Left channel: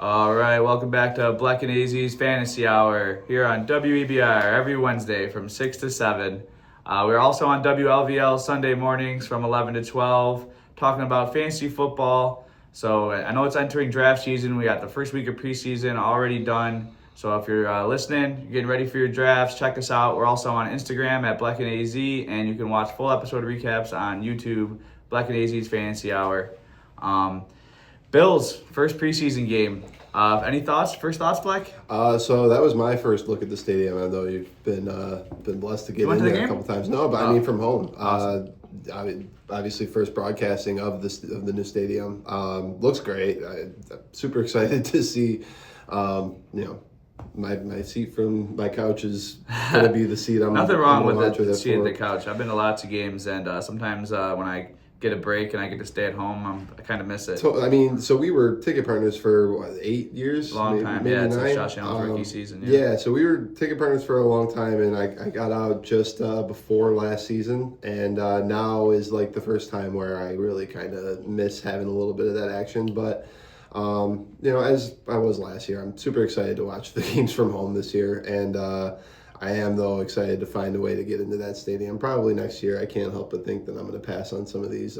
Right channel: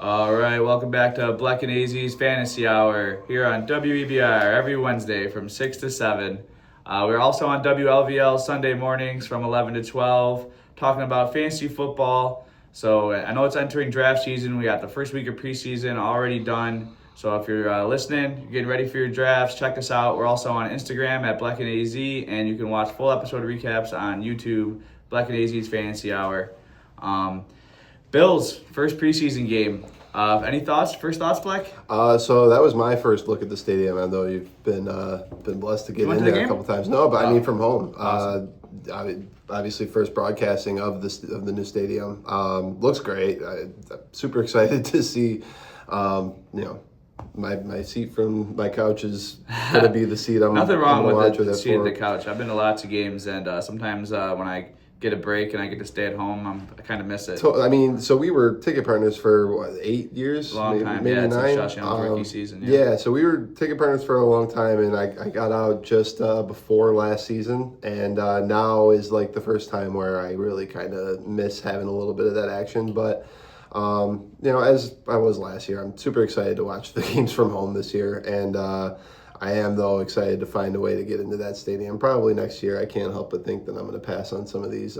All right, welcome back to Bleck and AZ's Fantasy Hour here on WEBR every Wednesday from 6 to 7. We're also on WLVL Sunday mornings from 11 to 12 talking about fantasy football. So I know it's entering draft season. We got the first week of preseason already done. So if you're listening, you're getting ready for your drafts, check us out. We're also on Instagram at Bleck and AZ, and you can watch full episode recaps on YouTube, Bleck and AZ's Fantasy Hour. Bills, first preseason game. Any thoughts? First thoughts, Bleck? So that was my first look at the stadium. I know you've been blessed to get in there a couple times. No, but I mean from home. Awesome. Obviously, first broadcasting of the new stadium. Looks great. I'm super excited to see. My seat from my couch is gonna be the seat I'm. Nothing wrong I'm with the seat at the couch. I've been to lots of games, and sometimes when I get a break and I get to stay at home, I kind of miss it. So we were ticket partners for 8 years? Long time, maybe yeah. 9. It's Josh Allen's rookie season. Yeah, so we were ticket partners for a long time, and I got out just before last season, and now is like the first time where I really kind of miss having a little bit of that action. But as I was last year, I'm super excited to watch the games from home this year, and I am, though, excited to find a way to get into that stadium. Probably next year. I can't help but think that I'm going to pass on some of these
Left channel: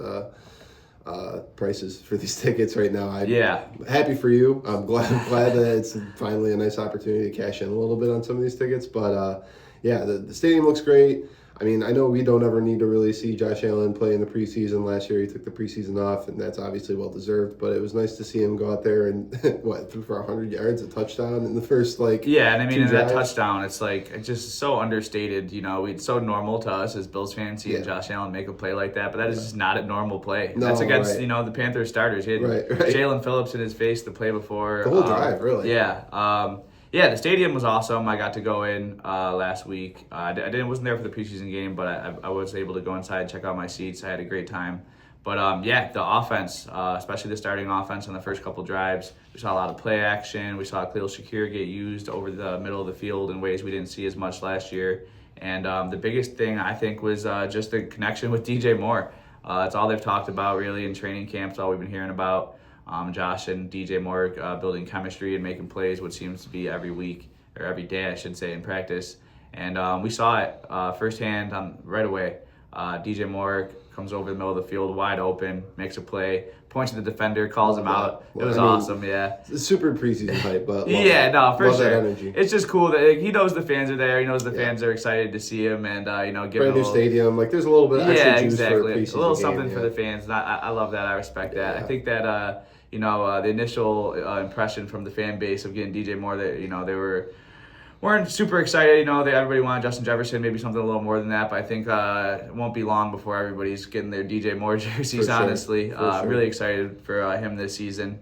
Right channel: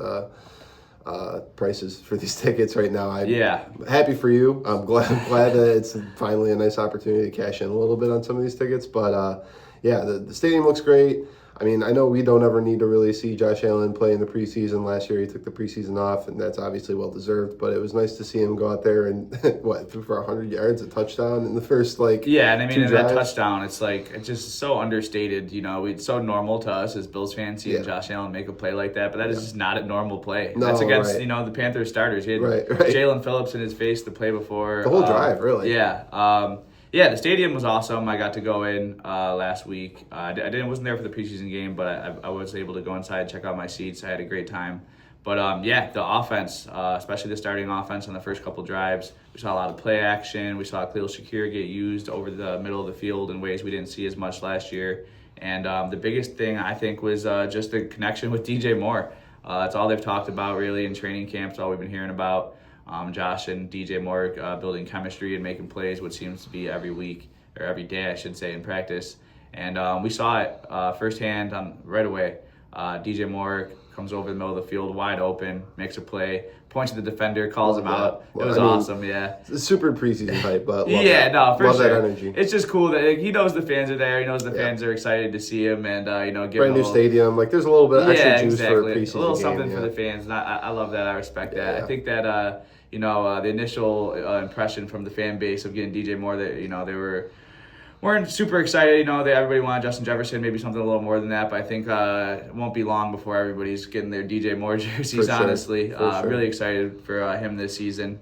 prices for these tickets right now. I'm happy for you. I'm glad that it's finally a nice opportunity to cash in a little bit on some of these tickets. But, the stadium looks great. I mean, I know we don't ever need to really see Josh Allen play in the preseason. Last year he took the preseason off, and that's obviously well-deserved. But it was nice to see him go out there and, threw for 100 yards, a touchdown in the first, Yeah, and I mean, in that touchdown, it's just so understated. It's so normal to us as Bills fans seeing Josh Allen make a play like that, but that is just not a normal play. No, that's against, the Panthers starters. He had Jalen Phillips in his face the play before. The whole drive, really. Yeah. Yeah, the stadium was awesome. I got to go in last week. I wasn't there for the preseason game, but I was able to go inside and check out my seats. I had a great time. But the offense, especially the starting offense on the first couple drives, we saw a lot of play action. We saw Khalil Shakir get used over the middle of the field in ways we didn't see as much last year. And the biggest thing, I think, was just the connection with DJ Moore. That's all they've talked about, really, in training camps, all we've been hearing about. Josh and DJ Moore building chemistry and making plays, what seems to be every week, or every day, I should say, in practice. And we saw it firsthand right away. DJ Moore comes over the middle of the field, wide open, makes a play, points to the defender, calls him out. It was awesome, yeah. It's super preseason hype, but for sure. That energy. It's just cool that he knows the fans are there. He knows the fans are excited to see him, and give brand new stadium. There's a little bit of extra juice for a preseason a little something game, for the fans. And I love that. I respect that. I think that the initial impression from the fan base of getting DJ Moore, that they weren't super excited. Everybody wanted Justin Jefferson, maybe something a little more than that. But I think it won't be long before everybody's getting their DJ Moore jerseys. Honestly, I'm really excited for him this season,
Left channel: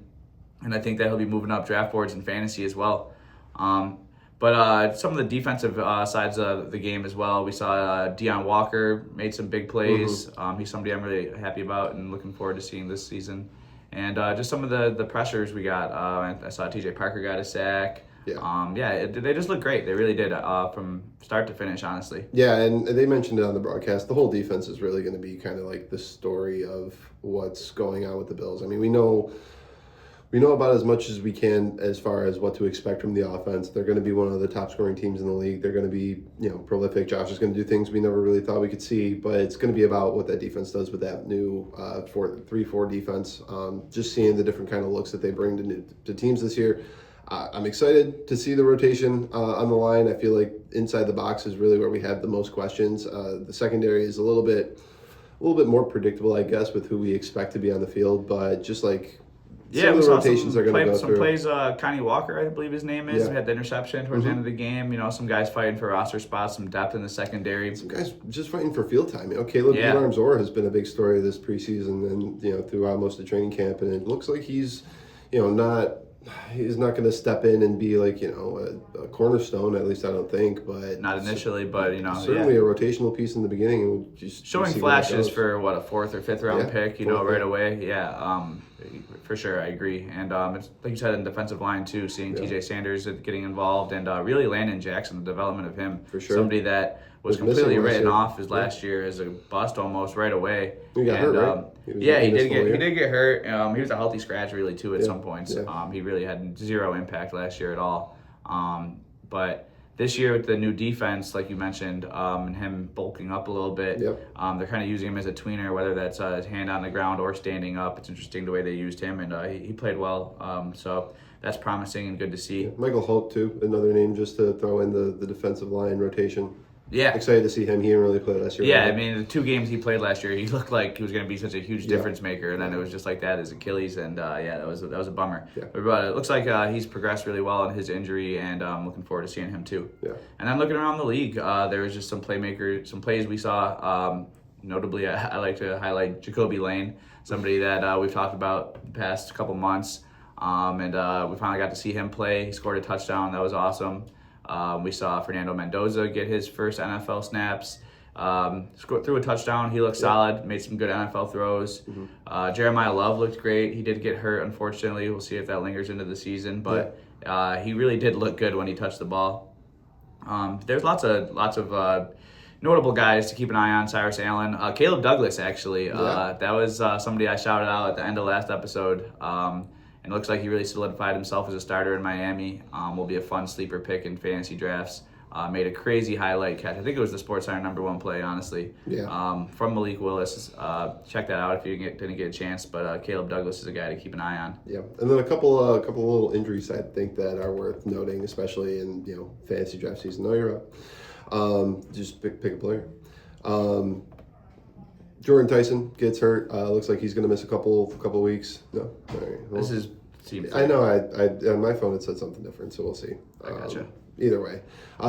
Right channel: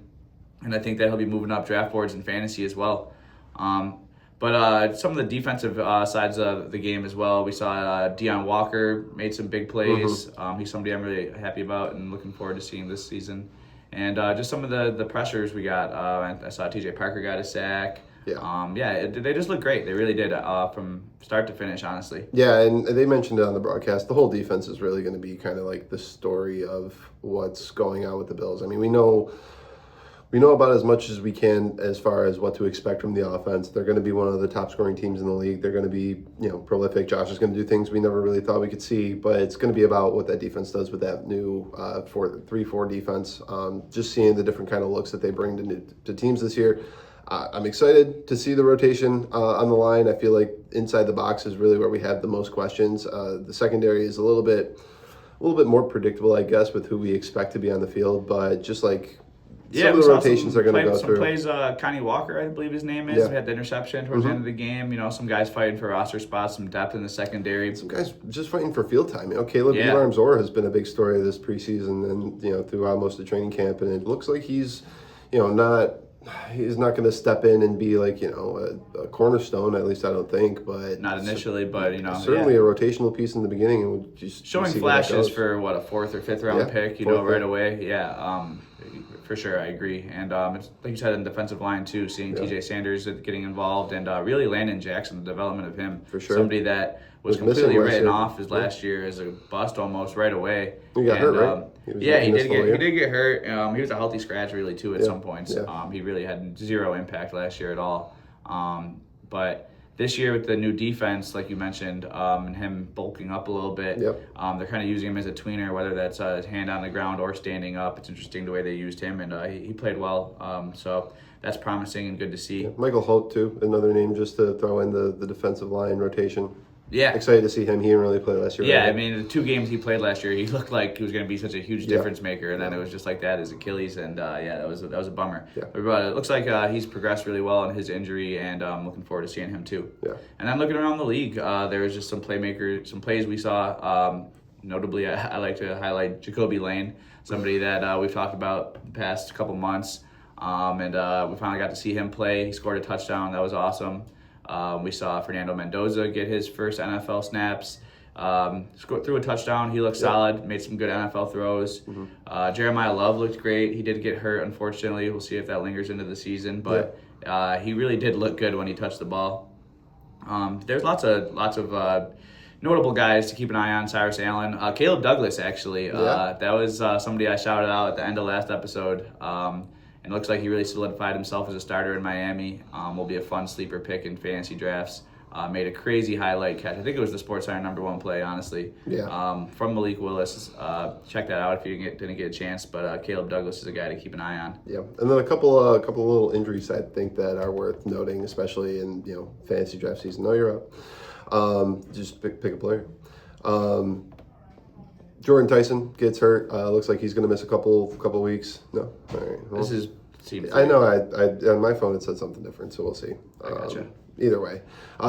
and I think that he'll be moving up draft boards in fantasy as well. But some of the defensive sides of the game as well. We saw Deion Walker made some big plays. He's somebody I'm really happy about and looking forward to seeing this season. And just some of the pressures we got. I saw TJ Parker got a sack. They just look great. They really did from start to finish, honestly. Yeah, and they mentioned it on the broadcast. The whole defense is really going to be kind of like the story of what's going on with the Bills. I mean, we know about as much as we can as far as what to expect from the offense. They're going to be one of the top scoring teams in the league. They're going to be, prolific. Josh is going to do things we never really thought we could see, but it's going to be about what that defense does with that new 3-4 defense. Just seeing the different kind of looks that they bring to teams this year. I'm excited to see the rotation on the line. I feel like inside the box is really where we have the most questions. The secondary is a little bit more predictable, I guess, with who we expect to be on the field, but just some of the rotations are going to go through. Plays, Connie Walker, I believe his name is. We had the interception towards the end of the game. Some guys fighting for roster spots, some depth in the secondary. Some guys just fighting for field time. Caleb Elam-Zora has been a big story this preseason and throughout most of training camp, and it looks like he's he's not going to step in and be a cornerstone, at least I don't think. But not initially, but certainly a rotational piece in the beginning. And showing flashes for a 4th or 5th round pick, right away. Yeah, For sure, I agree. And it's, like you said, in defensive line too, seeing TJ Sanders getting involved, and really Landon Jackson, the development of him. For sure. Somebody that was completely written off his last year as a bust almost right away. He got hurt, right? He did get hurt. He was a healthy scratch really too at some points. He really had zero impact last year at all. But this year with the new defense, like you mentioned, and him bulking up a little bit, they're kind of using him as a tweener, whether that's his hand on the ground or standing up. It's interesting the way they used him, and he played well. So that's promising and good to see. Michael Holt, too, another name just to throw in the defensive line rotation. Yeah. Excited to see him. He didn't really play last year. Yeah, I mean, the 2 games he played last year, he looked like he was going to be such a huge difference maker, and then it was just like that, his Achilles, and that was a bummer. Yeah. But it looks like he's progressed really well in his injury, and I'm looking forward to seeing him too. Yeah. And then looking around the league, there was just some plays we saw. Notably, I like to highlight Jacoby Lane, somebody that we've talked about the past couple months, and we finally got to see him play. He scored a touchdown. That was awesome. We saw Fernando Mendoza get his first NFL snaps, threw a touchdown. He looked solid, made some good NFL throws. Jeremiah Love looked great. He did get hurt, unfortunately. We'll see if that lingers into the season, but he really did look good when he touched the ball. There's lots of notable guys to keep an eye on. Cyrus Allen, Caleb Douglas, actually. That was somebody I shouted out at the end of last episode. And it looks like he really solidified himself as a starter in Miami. Will be a fun sleeper pick in fantasy drafts. Made a crazy highlight catch. I think it was the SportsCenter #1 play, honestly. From Malik Willis. Check that out if you didn't get a chance. But Caleb Douglas is a guy to keep an eye on. Yeah, and then a couple little injuries I think that are worth noting, especially in fantasy draft season. No, you're up. Just pick a player. Jordan Tyson gets hurt. Looks like he's going to miss a couple weeks. No, all right. Well, I know. I on my phone it said something different, so we'll see. I gotcha. Either way,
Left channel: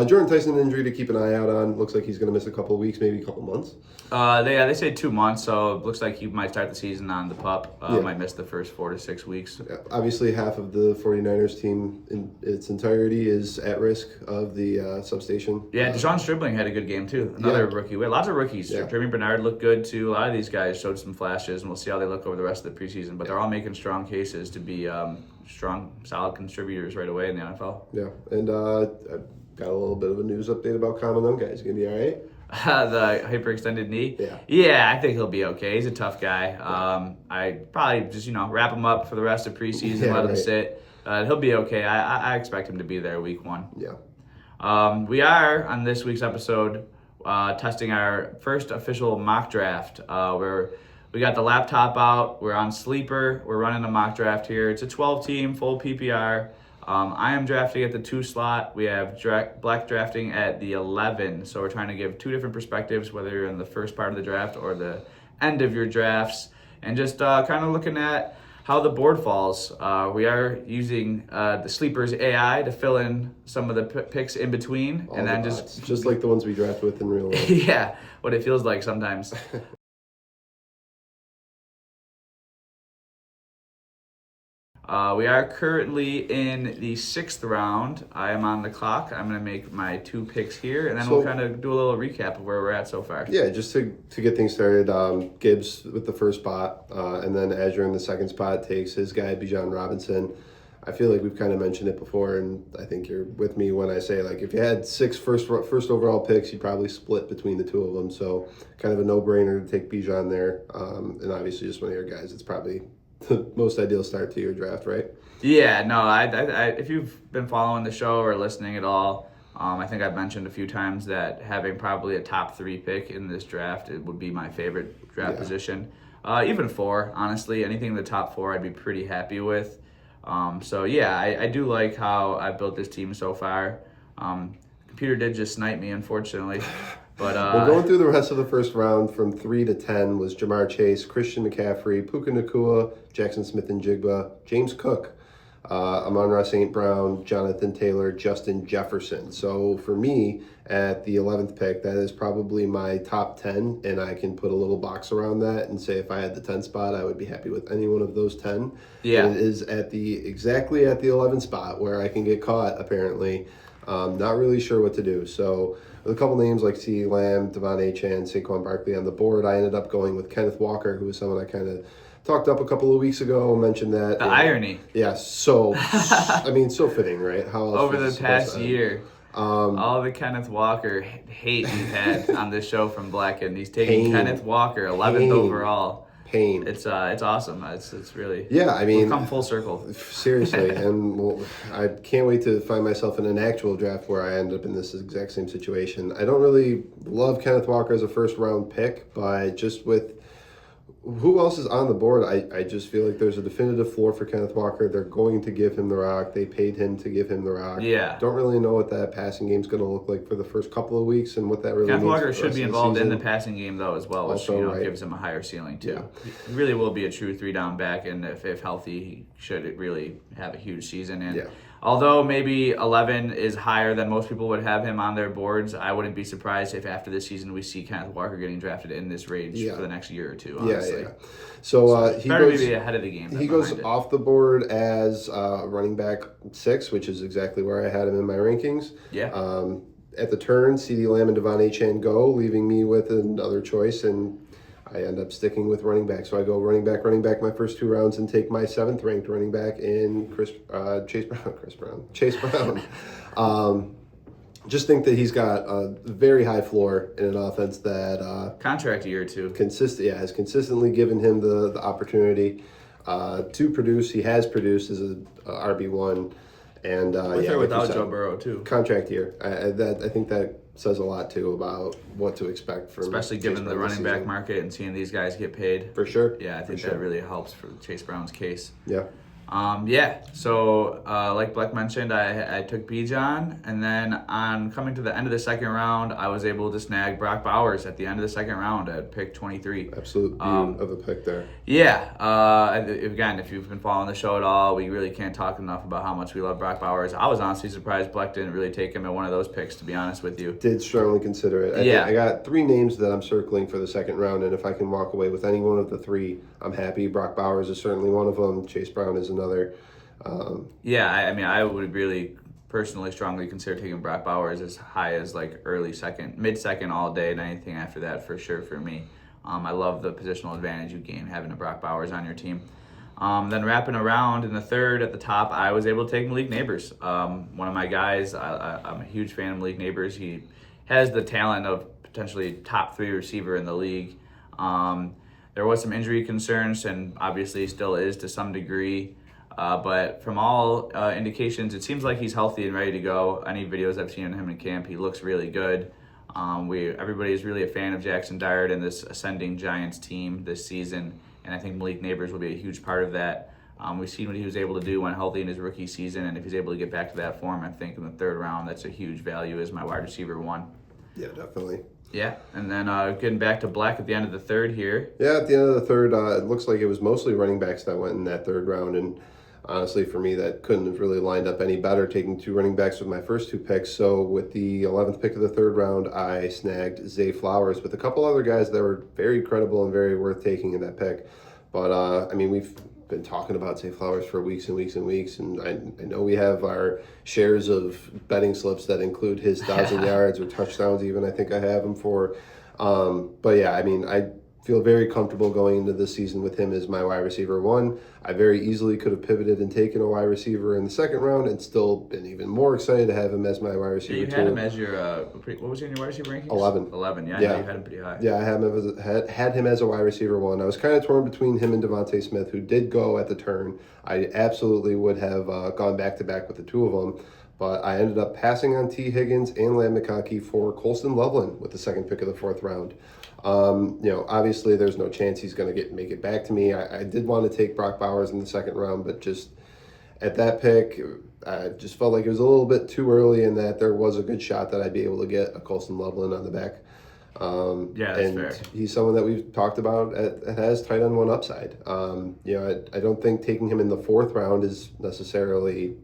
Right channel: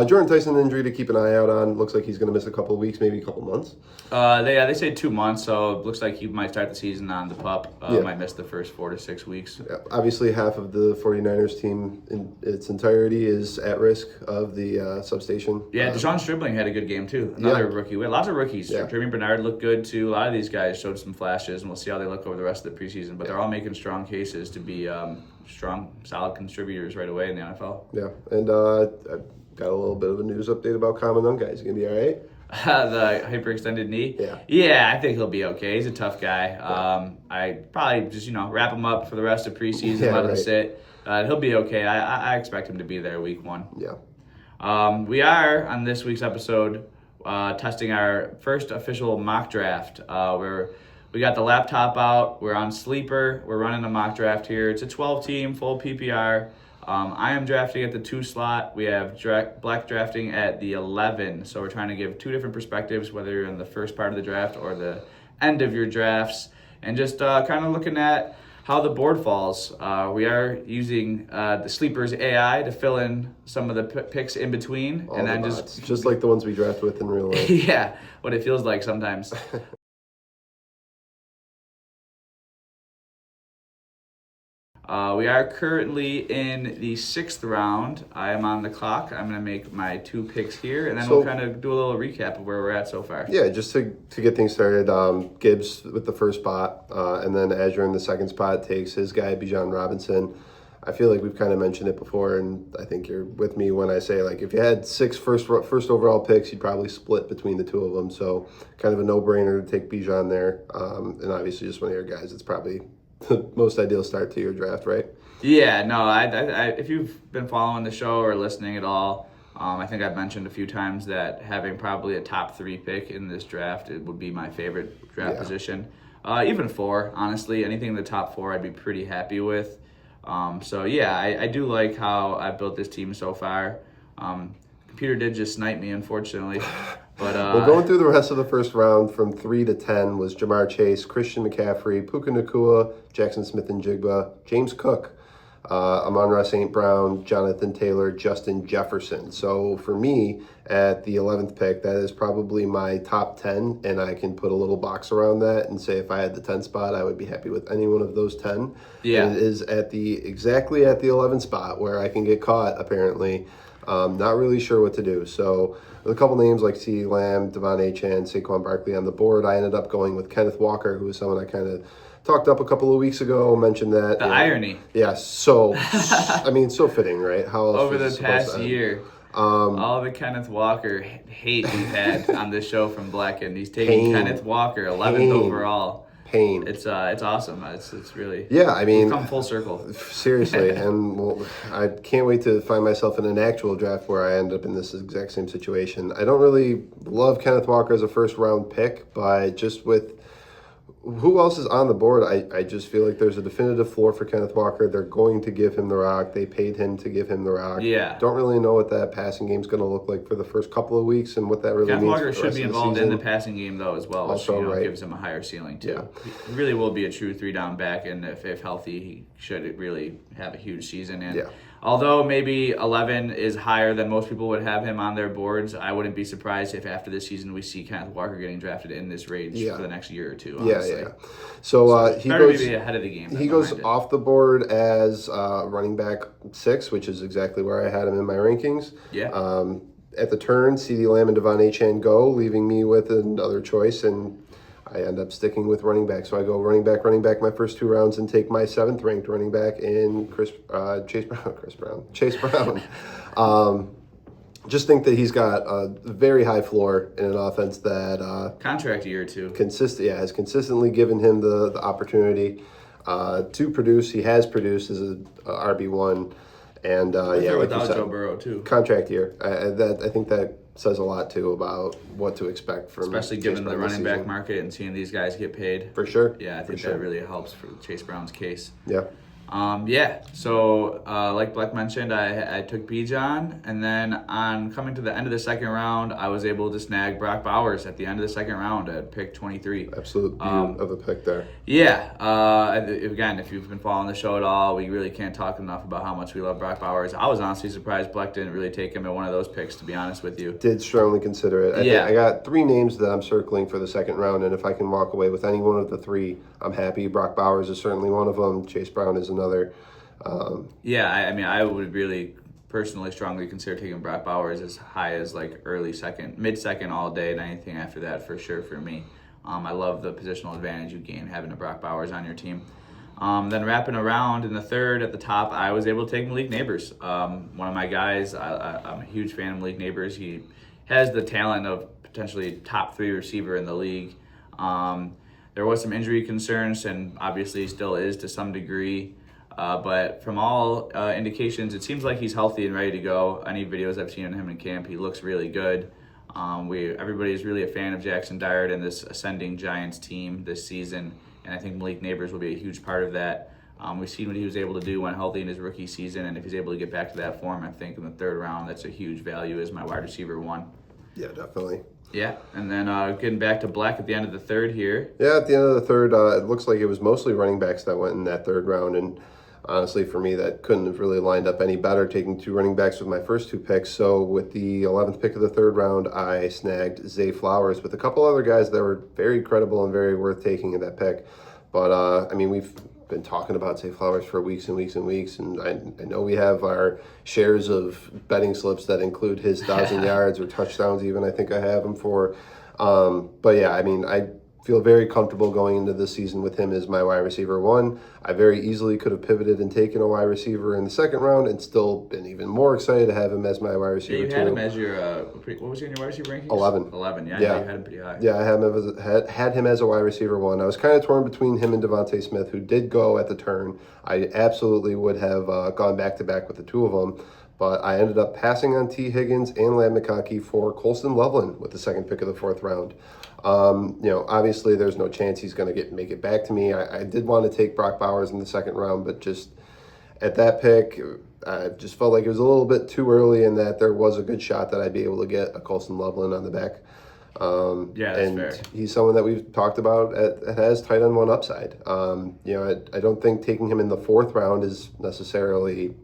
Jordan Tyson injury to keep an eye out on. Looks like he's going to miss a couple weeks, maybe a couple months. They say 2 months, so it looks like he might start the season on the pup. Might miss the first 4 to 6 weeks. Yeah. Obviously, half of the 49ers team in its entirety is at risk of the substation. Yeah, Deshaun Stribling had a good game too. Another rookie. We had lots of rookies. Jeremy Bernard looked good too. A lot of these guys showed some flashes, and we'll see how they look over the rest of the preseason. But they're all making strong cases to be strong, solid contributors right away in the NFL. Yeah, and I got a little bit of a news update about Common Nunga. Is he going to be all right? The hyperextended knee? Yeah, I think he'll be okay. He's a tough guy. I probably just, wrap him up for the rest of preseason, let him sit. He'll be okay. I expect him to be there week 1. Yeah. We are, on this week's episode, testing our first official mock draft, where we got the laptop out. We're on Sleeper. We're running a mock draft here. It's a 12-team, full PPR. I am drafting at the 2 slot. We have Bleck drafting at the 11. So we're trying to give 2 different perspectives, whether you're in the first part of the draft or the end of your drafts, and just kind of looking at how the board falls. We are using the Sleeper's AI to fill in some of the picks in between, and then just like the ones we draft with in real life. Yeah, what it feels like sometimes. We are currently in the 6th round. I am on the clock. I'm going to make my 2 picks here, and then we'll kind of do a little recap of where we're at so far. Yeah, just to get things started, Gibbs with the first spot, and then Azure in the 2nd spot takes his guy, Bijan Robinson. I feel like we've kind of mentioned it before, and I think you're with me when I say, like, if you had 6 first overall picks, you'd probably split between the 2 of them. So kind of a no-brainer to take Bijan there, and obviously just one of your guys. It's probably the most ideal start to your draft, right? Yeah, no, I if you've been following the show or listening at all, I think I've mentioned a few times that having probably a top 3 pick in this draft, it would be my favorite draft position. Even 4, honestly, anything in the top 4 I'd be pretty happy with. So yeah, I do like how I've built this team so far. Computer did just snipe me, unfortunately. But well, going through the rest of the first round from 3 to 10 was Jamar Chase, Christian McCaffrey, Puka Nacua, Jackson Smith-Njigba, James Cook, Amon-Ra St. Brown, Jonathan Taylor, Justin Jefferson. So for me, at the 11th pick, that is probably my top 10, and I can put a little box around that and say if I had the 10th spot, I would be happy with any one of those 10. Yeah. And it is exactly at the 11th spot where I can get caught, apparently. Not really sure what to do. So with a couple names like CeeDee Lamb, Devon Achane, Saquon Barkley on the board, I ended up going with Kenneth Walker, who was someone I kind of talked up a couple of weeks ago, mentioned that. The irony. Yeah, so, I mean, so fitting, right? How else Over was the it supposed past to end? year, all the Kenneth Walker hate we've had on this show from Bleck, and he's taking Kenneth Walker 11th overall. Pain. It's awesome. It's really I mean, we've come full circle. Seriously, and I can't wait to find myself in an actual draft where I end up in this exact same situation. I don't really love Kenneth Walker as a first round pick, but just with who else is on the board, I just feel like there's a definitive floor for Kenneth Walker. They're going to give him the rock. They paid him to give him the rock. Yeah. Don't really know what that passing game's going to look like for the first couple of weeks and what that really Kenneth means. Walker For the should rest be of the involved in season. the passing game though as well, which Also, gives him a higher ceiling too. Yeah. He really will be a true 3-down back, and if healthy, he should really have a huge season. And although maybe 11 is higher than most people would have him on their boards, I wouldn't be surprised if after this season we see Kenneth Walker getting drafted in this range for the next year or two. Honestly. Yeah. So he goes be ahead of the game. He goes off the board as running back 6, which is exactly where I had him in my rankings. Yeah. At the turn, CeeDee Lamb and Devon Achane go, leaving me with another choice, and I end up sticking with running back. So I go running back my first 2 rounds and take my 7th ranked running back in Chase Brown. Just think that he's got a very high floor in an offense that contract year too. Has consistently given him the opportunity to produce. He has produced as a RB1, and without Joe Burrow too. Contract year. I think that says a lot too about what to expect from, especially given the running back market and seeing these guys get paid. For sure. Yeah, I think that really helps for Chase Brown's case. Yeah. So like Bleck mentioned, I took Bijan, and then on coming to the end of the second round, I was able to snag Brock Bowers at the end of the second round at pick 23. Absolute beauty of a pick there. Again, if you've been following the show at all, we really can't talk enough about how much we love Brock Bowers. I was honestly surprised Bleck didn't really take him at one of those picks, to be honest with you. Did strongly consider it. I got 3 names that I'm circling for the second round, and if I can walk away with any one of the 3, I'm happy. Brock Bowers is certainly one of them. Chase Brown is another. I would really personally strongly consider taking Brock Bowers as high as like early second, mid-second all day, and anything after that for sure for me. I love the positional advantage you gain having a Brock Bowers on your team. Then wrapping around in the third at the top, I was able to take Malik Neighbors. One of my guys, I'm a huge fan of Malik Neighbors. He has the talent of potentially top 3 receiver in the league. There was some injury concerns, and obviously still is to some degree. But from all indications, it seems like he's healthy and ready to go. Any videos I've seen of him in camp, he looks really good. Everybody is really a fan of Jackson Dart and this ascending Giants team this season, and I think Malik Neighbors will be a huge part of that. We've seen what he was able to do when healthy in his rookie season, and if he's able to get back to that form, I think in the third round, that's a huge value as my wide receiver 1. Yeah, definitely. Yeah, and then getting back to Bleck at the end of the third here. Yeah, at the end of the third, it looks like it was mostly running backs that went in that third round, and honestly, for me, that couldn't have really lined up any better, taking 2 running backs with my first 2 picks. So with the 11th pick of the third round, I snagged Zay Flowers with a couple other guys that were very credible and very worth taking in that pick. But, we've been talking about Zay Flowers for weeks and weeks and weeks, and I know we have our shares of betting slips that include his 1,000 yards or touchdowns even, I think I have him for. I feel very comfortable going into this season with him as my wide receiver 1. I very easily could have pivoted and taken a wide receiver in the second round and still been even more excited to have him as my wide receiver 2. Yeah, you had him as your, what was your wide receiver rankings? 11. 11, yeah, I know you had him pretty high. Yeah, I had him as a wide receiver 1. I was kind of torn between him and Devontae Smith, who did go at the turn. I absolutely would have gone back-to-back with the 2 of them, but I ended up passing on T. Higgins and Ladd McConkey for Colston Loveland with the second pick of the 4th round. Obviously there's no chance he's going to make it back to me. I did want to take Brock Bowers in the second round, but just at that pick, I just felt like it was a little bit too early and that there was a good shot that I'd be able to get a Colston Loveland on the back. That's fair. He's someone that we've talked about that has tight end 1 upside. I don't think taking him in the 4th round is necessarily,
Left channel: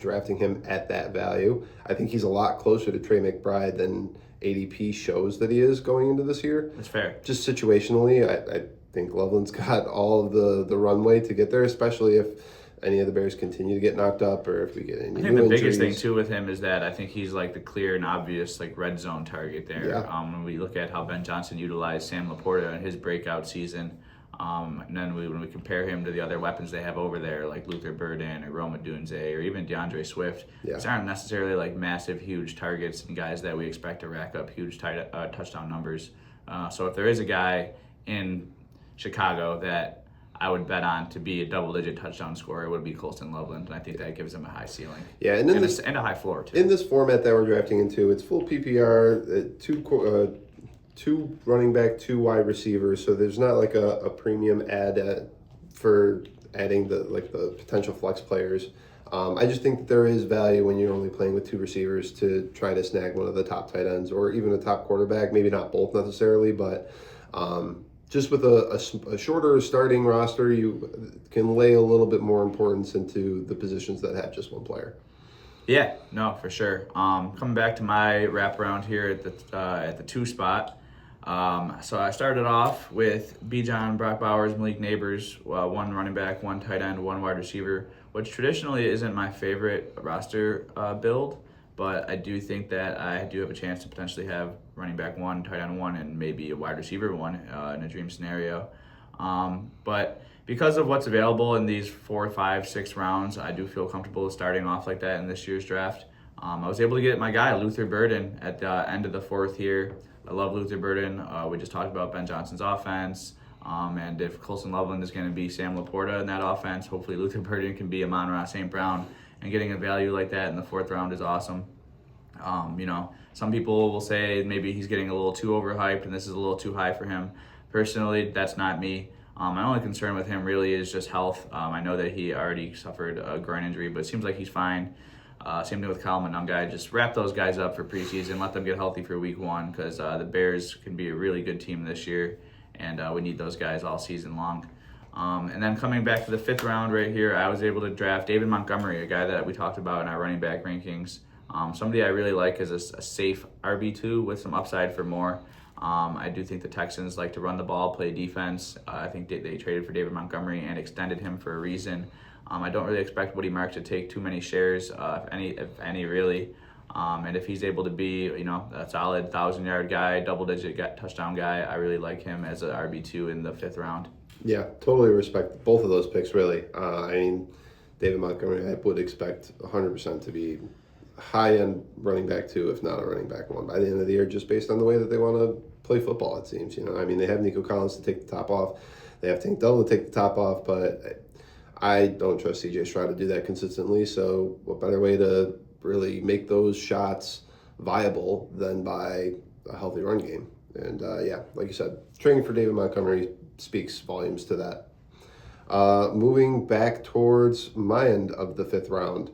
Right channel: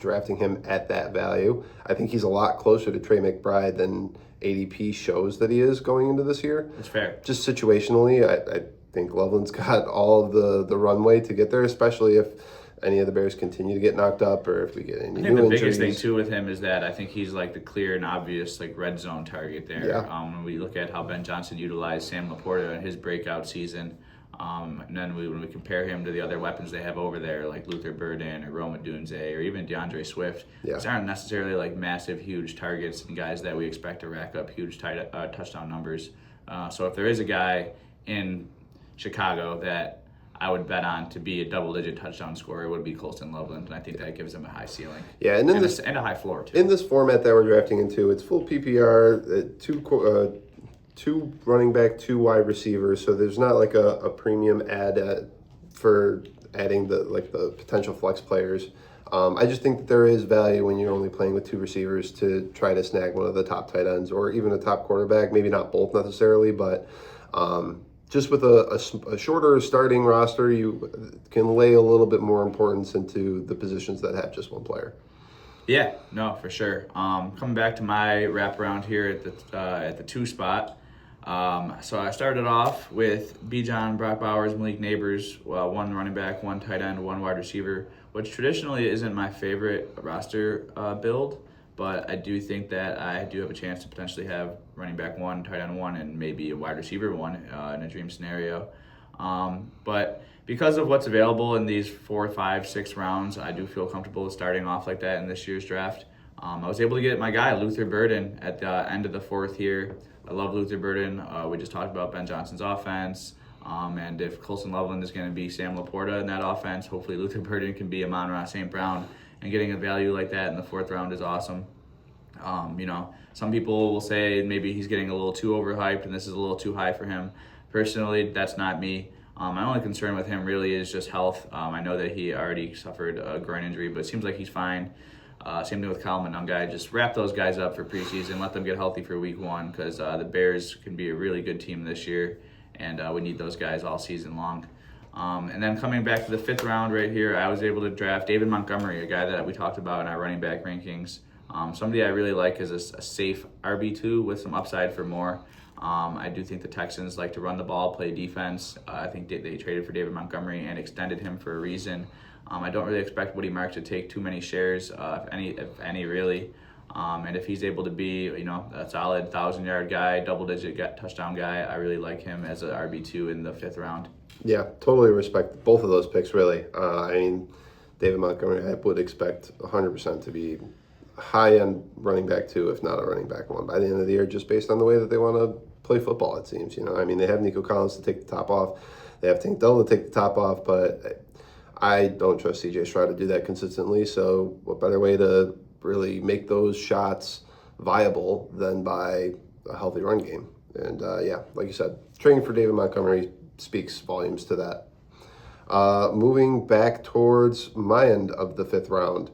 drafting him at that value. I think he's a lot closer to Trey McBride than ADP shows that he is going into this year. That's fair. Just situationally, I think Loveland's got all of the runway to get there, especially if any of the Bears continue to get knocked up or if we get any new injuries. I think the biggest thing, too, with him is that I think he's like the clear and obvious red zone target there. Yeah. When we look at how Ben Johnson utilized Sam Laporta in his breakout season, And then when we compare him to the other weapons they have over there, like Luther Burden or Roma Dunze or even DeAndre Swift, these aren't necessarily like massive, huge targets and guys that we expect to rack up huge touchdown numbers. So if there is a guy in Chicago that I would bet on to be a double-digit touchdown scorer, it would be Colston Loveland, and I think that gives him a high ceiling. Yeah, and a high floor too. In this format that we're drafting into, it's full PPR, two running back, 2 wide receivers. So there's not like a premium for adding the potential flex players. I just think that there is value when you're only playing with 2 receivers to try to snag one of the top tight ends or even a top quarterback. Maybe not both necessarily, but just with a shorter starting roster, you can lay a little bit more importance into the positions that have just one player. Yeah, no, for sure. Coming back to my wraparound here at the 2 spot. So I started off with Bijan, Brock Bowers, Malik Neighbors, 1 running back, 1 tight end, 1 wide receiver, which traditionally isn't my favorite roster build, but I do think that I do have a chance to potentially have running back 1, tight end 1, and maybe a wide receiver 1 in a dream scenario. But because of what's available in these 4, 5, 6 rounds, I do feel comfortable starting off like that in this year's draft. I was able to get my guy, Luther Burden, at the end of the 4th here. I love Luther Burden. We just talked about Ben Johnson's offense. And if Colston Loveland is going to be Sam Laporta in that offense, hopefully Luther Burden can be Amon-Ra St. Brown. And getting a value like that in the 4th round is awesome. Some people will say maybe he's getting a little too overhyped and this is a little too high for him. Personally, that's not me. My only concern with him really is just health. I know that he already suffered a groin injury, but it seems like he's fine. Same thing with Kyle Monungai. Just wrap those guys up for preseason, let them get healthy for week 1 because the Bears can be a really good team this year, and we need those guys all season long. And then coming back to the 5th round right here, I was able to draft David Montgomery, a guy that we talked about in our running back rankings. Somebody I really like is a safe RB2 with some upside for more. I do think the Texans like to run the ball, play defense. I think they traded for David Montgomery and extended him for a reason. I don't really expect Woody Mark to take too many shares, if any really. And if he's able to be, a solid 1,000-yard guy, double-digit touchdown guy, I really like him as an RB2 in the 5th round. Yeah, totally respect both of those picks, really. David Montgomery, I would expect 100% to be high-end running back 2, if not a running back 1, by the end of the year, just based on the way that they want to play football, it seems. They have Nico Collins to take the top off. They have Tank Dell to take the top off, but I don't trust C.J. Stroud to do that consistently, so what better way to really make those shots viable than by a healthy run game? And like you said, trading for David Montgomery speaks volumes to that. Moving back towards my end of the 5th round,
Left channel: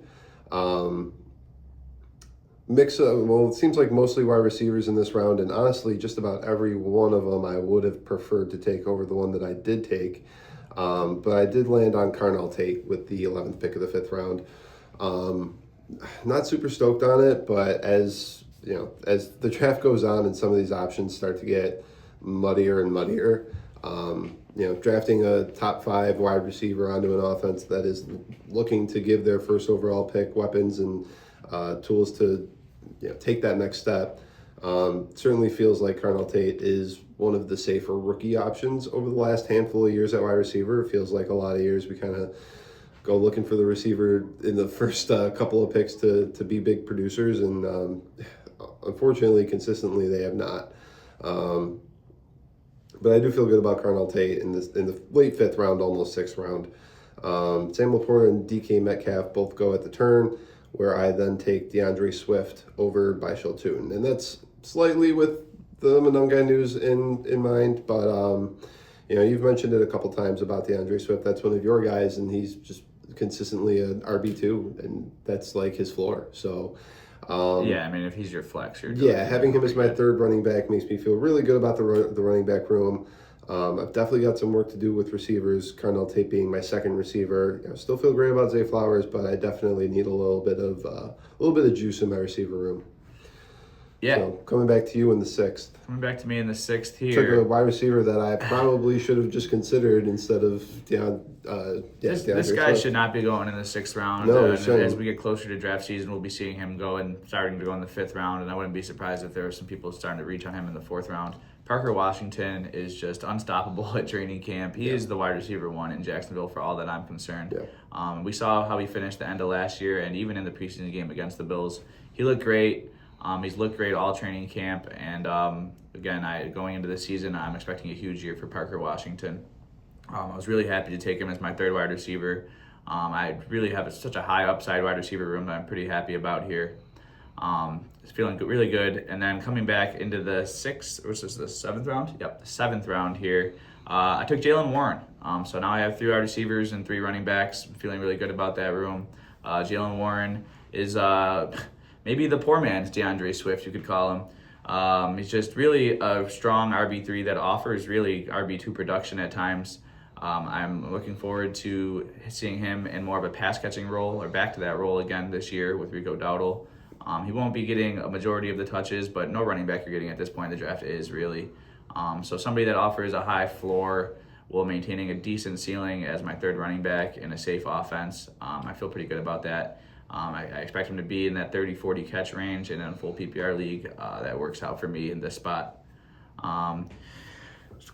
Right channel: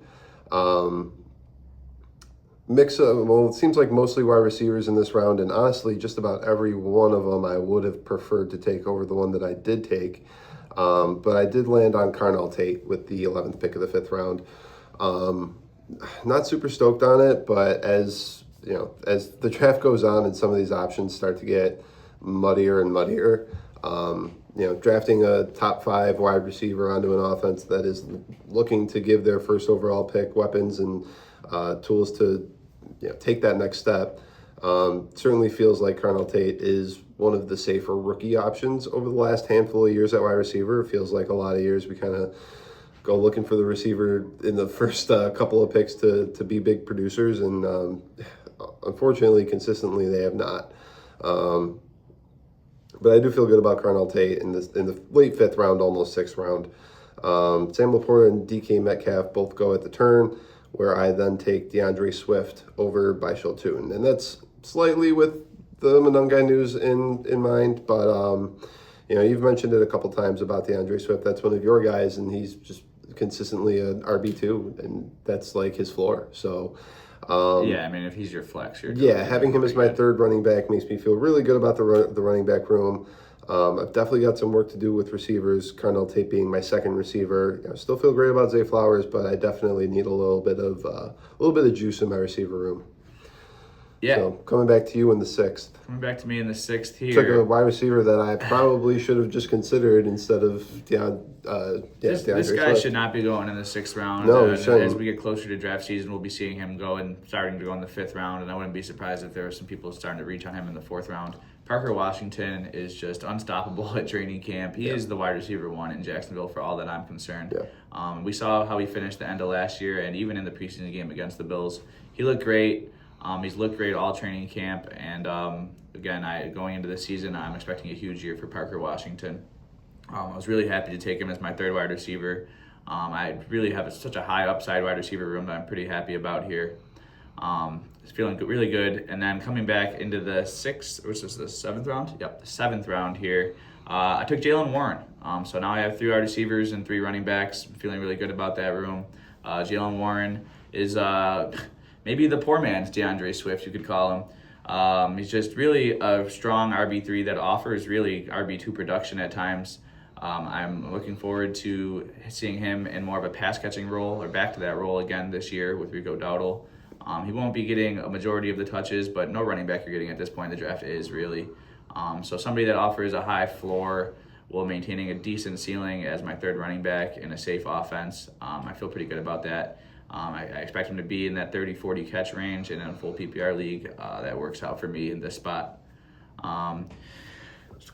it seems like mostly wide receivers in this round, and honestly, just about every one of them I would have preferred to take over the one that I did take. But I did land on Carnell Tate with the 11th pick of the 5th round. Not super stoked on it, but as the draft goes on and some of these options start to get muddier and muddier, drafting a top 5 wide receiver onto an offense that is looking to give their first overall pick weapons and tools to take that next step, certainly feels like Carnell Tate is one of the safer rookie options over the last handful of years at wide receiver. It feels like a lot of years we kind of go looking for the receiver in the first couple of picks to be big producers, and unfortunately, consistently, they have not. But I do feel good about Carnell Tate in the late 5th round, almost 6th round. Sam Laporta and DK Metcalf both go at the turn, where I then take DeAndre Swift over Bishal Tune. And that's slightly with the Monungai news in mind, but you've mentioned it a couple times about DeAndre Swift. That's one of your guys, and he's just consistently an RB2, and that's like his floor. So if he's your flex, having him as my 3rd running back makes me feel really good about the running back room. I've definitely got some work to do with receivers. Carnell Tate being my 2nd receiver. I still feel great about Zay Flowers, but I definitely need a little bit of juice in my receiver room. Yeah. So coming back to you in the 6th. Coming back to me in the 6th here. Took a wide receiver that I probably should have just considered instead of This guy should not be going in the 6th round. No, as we get closer to draft season, we'll be seeing him starting to go in the 5th round, and I wouldn't be surprised if there were some people starting to reach on him in the 4th round. Parker Washington is just unstoppable at training camp. He is the wide receiver one in Jacksonville for all that I'm concerned. We saw how he finished the end of last year, and even in the preseason game against the Bills, he looked great. He's looked great all training camp, and again, going into the season, I'm expecting a huge year for Parker Washington. I was really happy to take him as my third wide receiver. I really have such a high upside wide receiver room that I'm pretty happy about here. Feeling really good. And then coming back into the seventh round? Yep, the seventh round here. I took Jalen Warren. So now I have 3 wide receivers and 3 running backs. I'm feeling really good about that room. Jalen Warren is maybe the poor man's DeAndre Swift, you could call him. He's just really a strong RB3 that offers really RB2 production at times. I'm looking forward to seeing him in more of a pass-catching role, or back to that role again this year with Rico Dowdle. He won't be getting a majority of the touches, but no running back you're getting at this point in the draft is really. So somebody that offers a high floor while maintaining a decent ceiling as my third running back in a safe offense. I feel pretty good about that. I expect him to be in that 30-40 catch range in a full PPR league. That works out for me in this spot.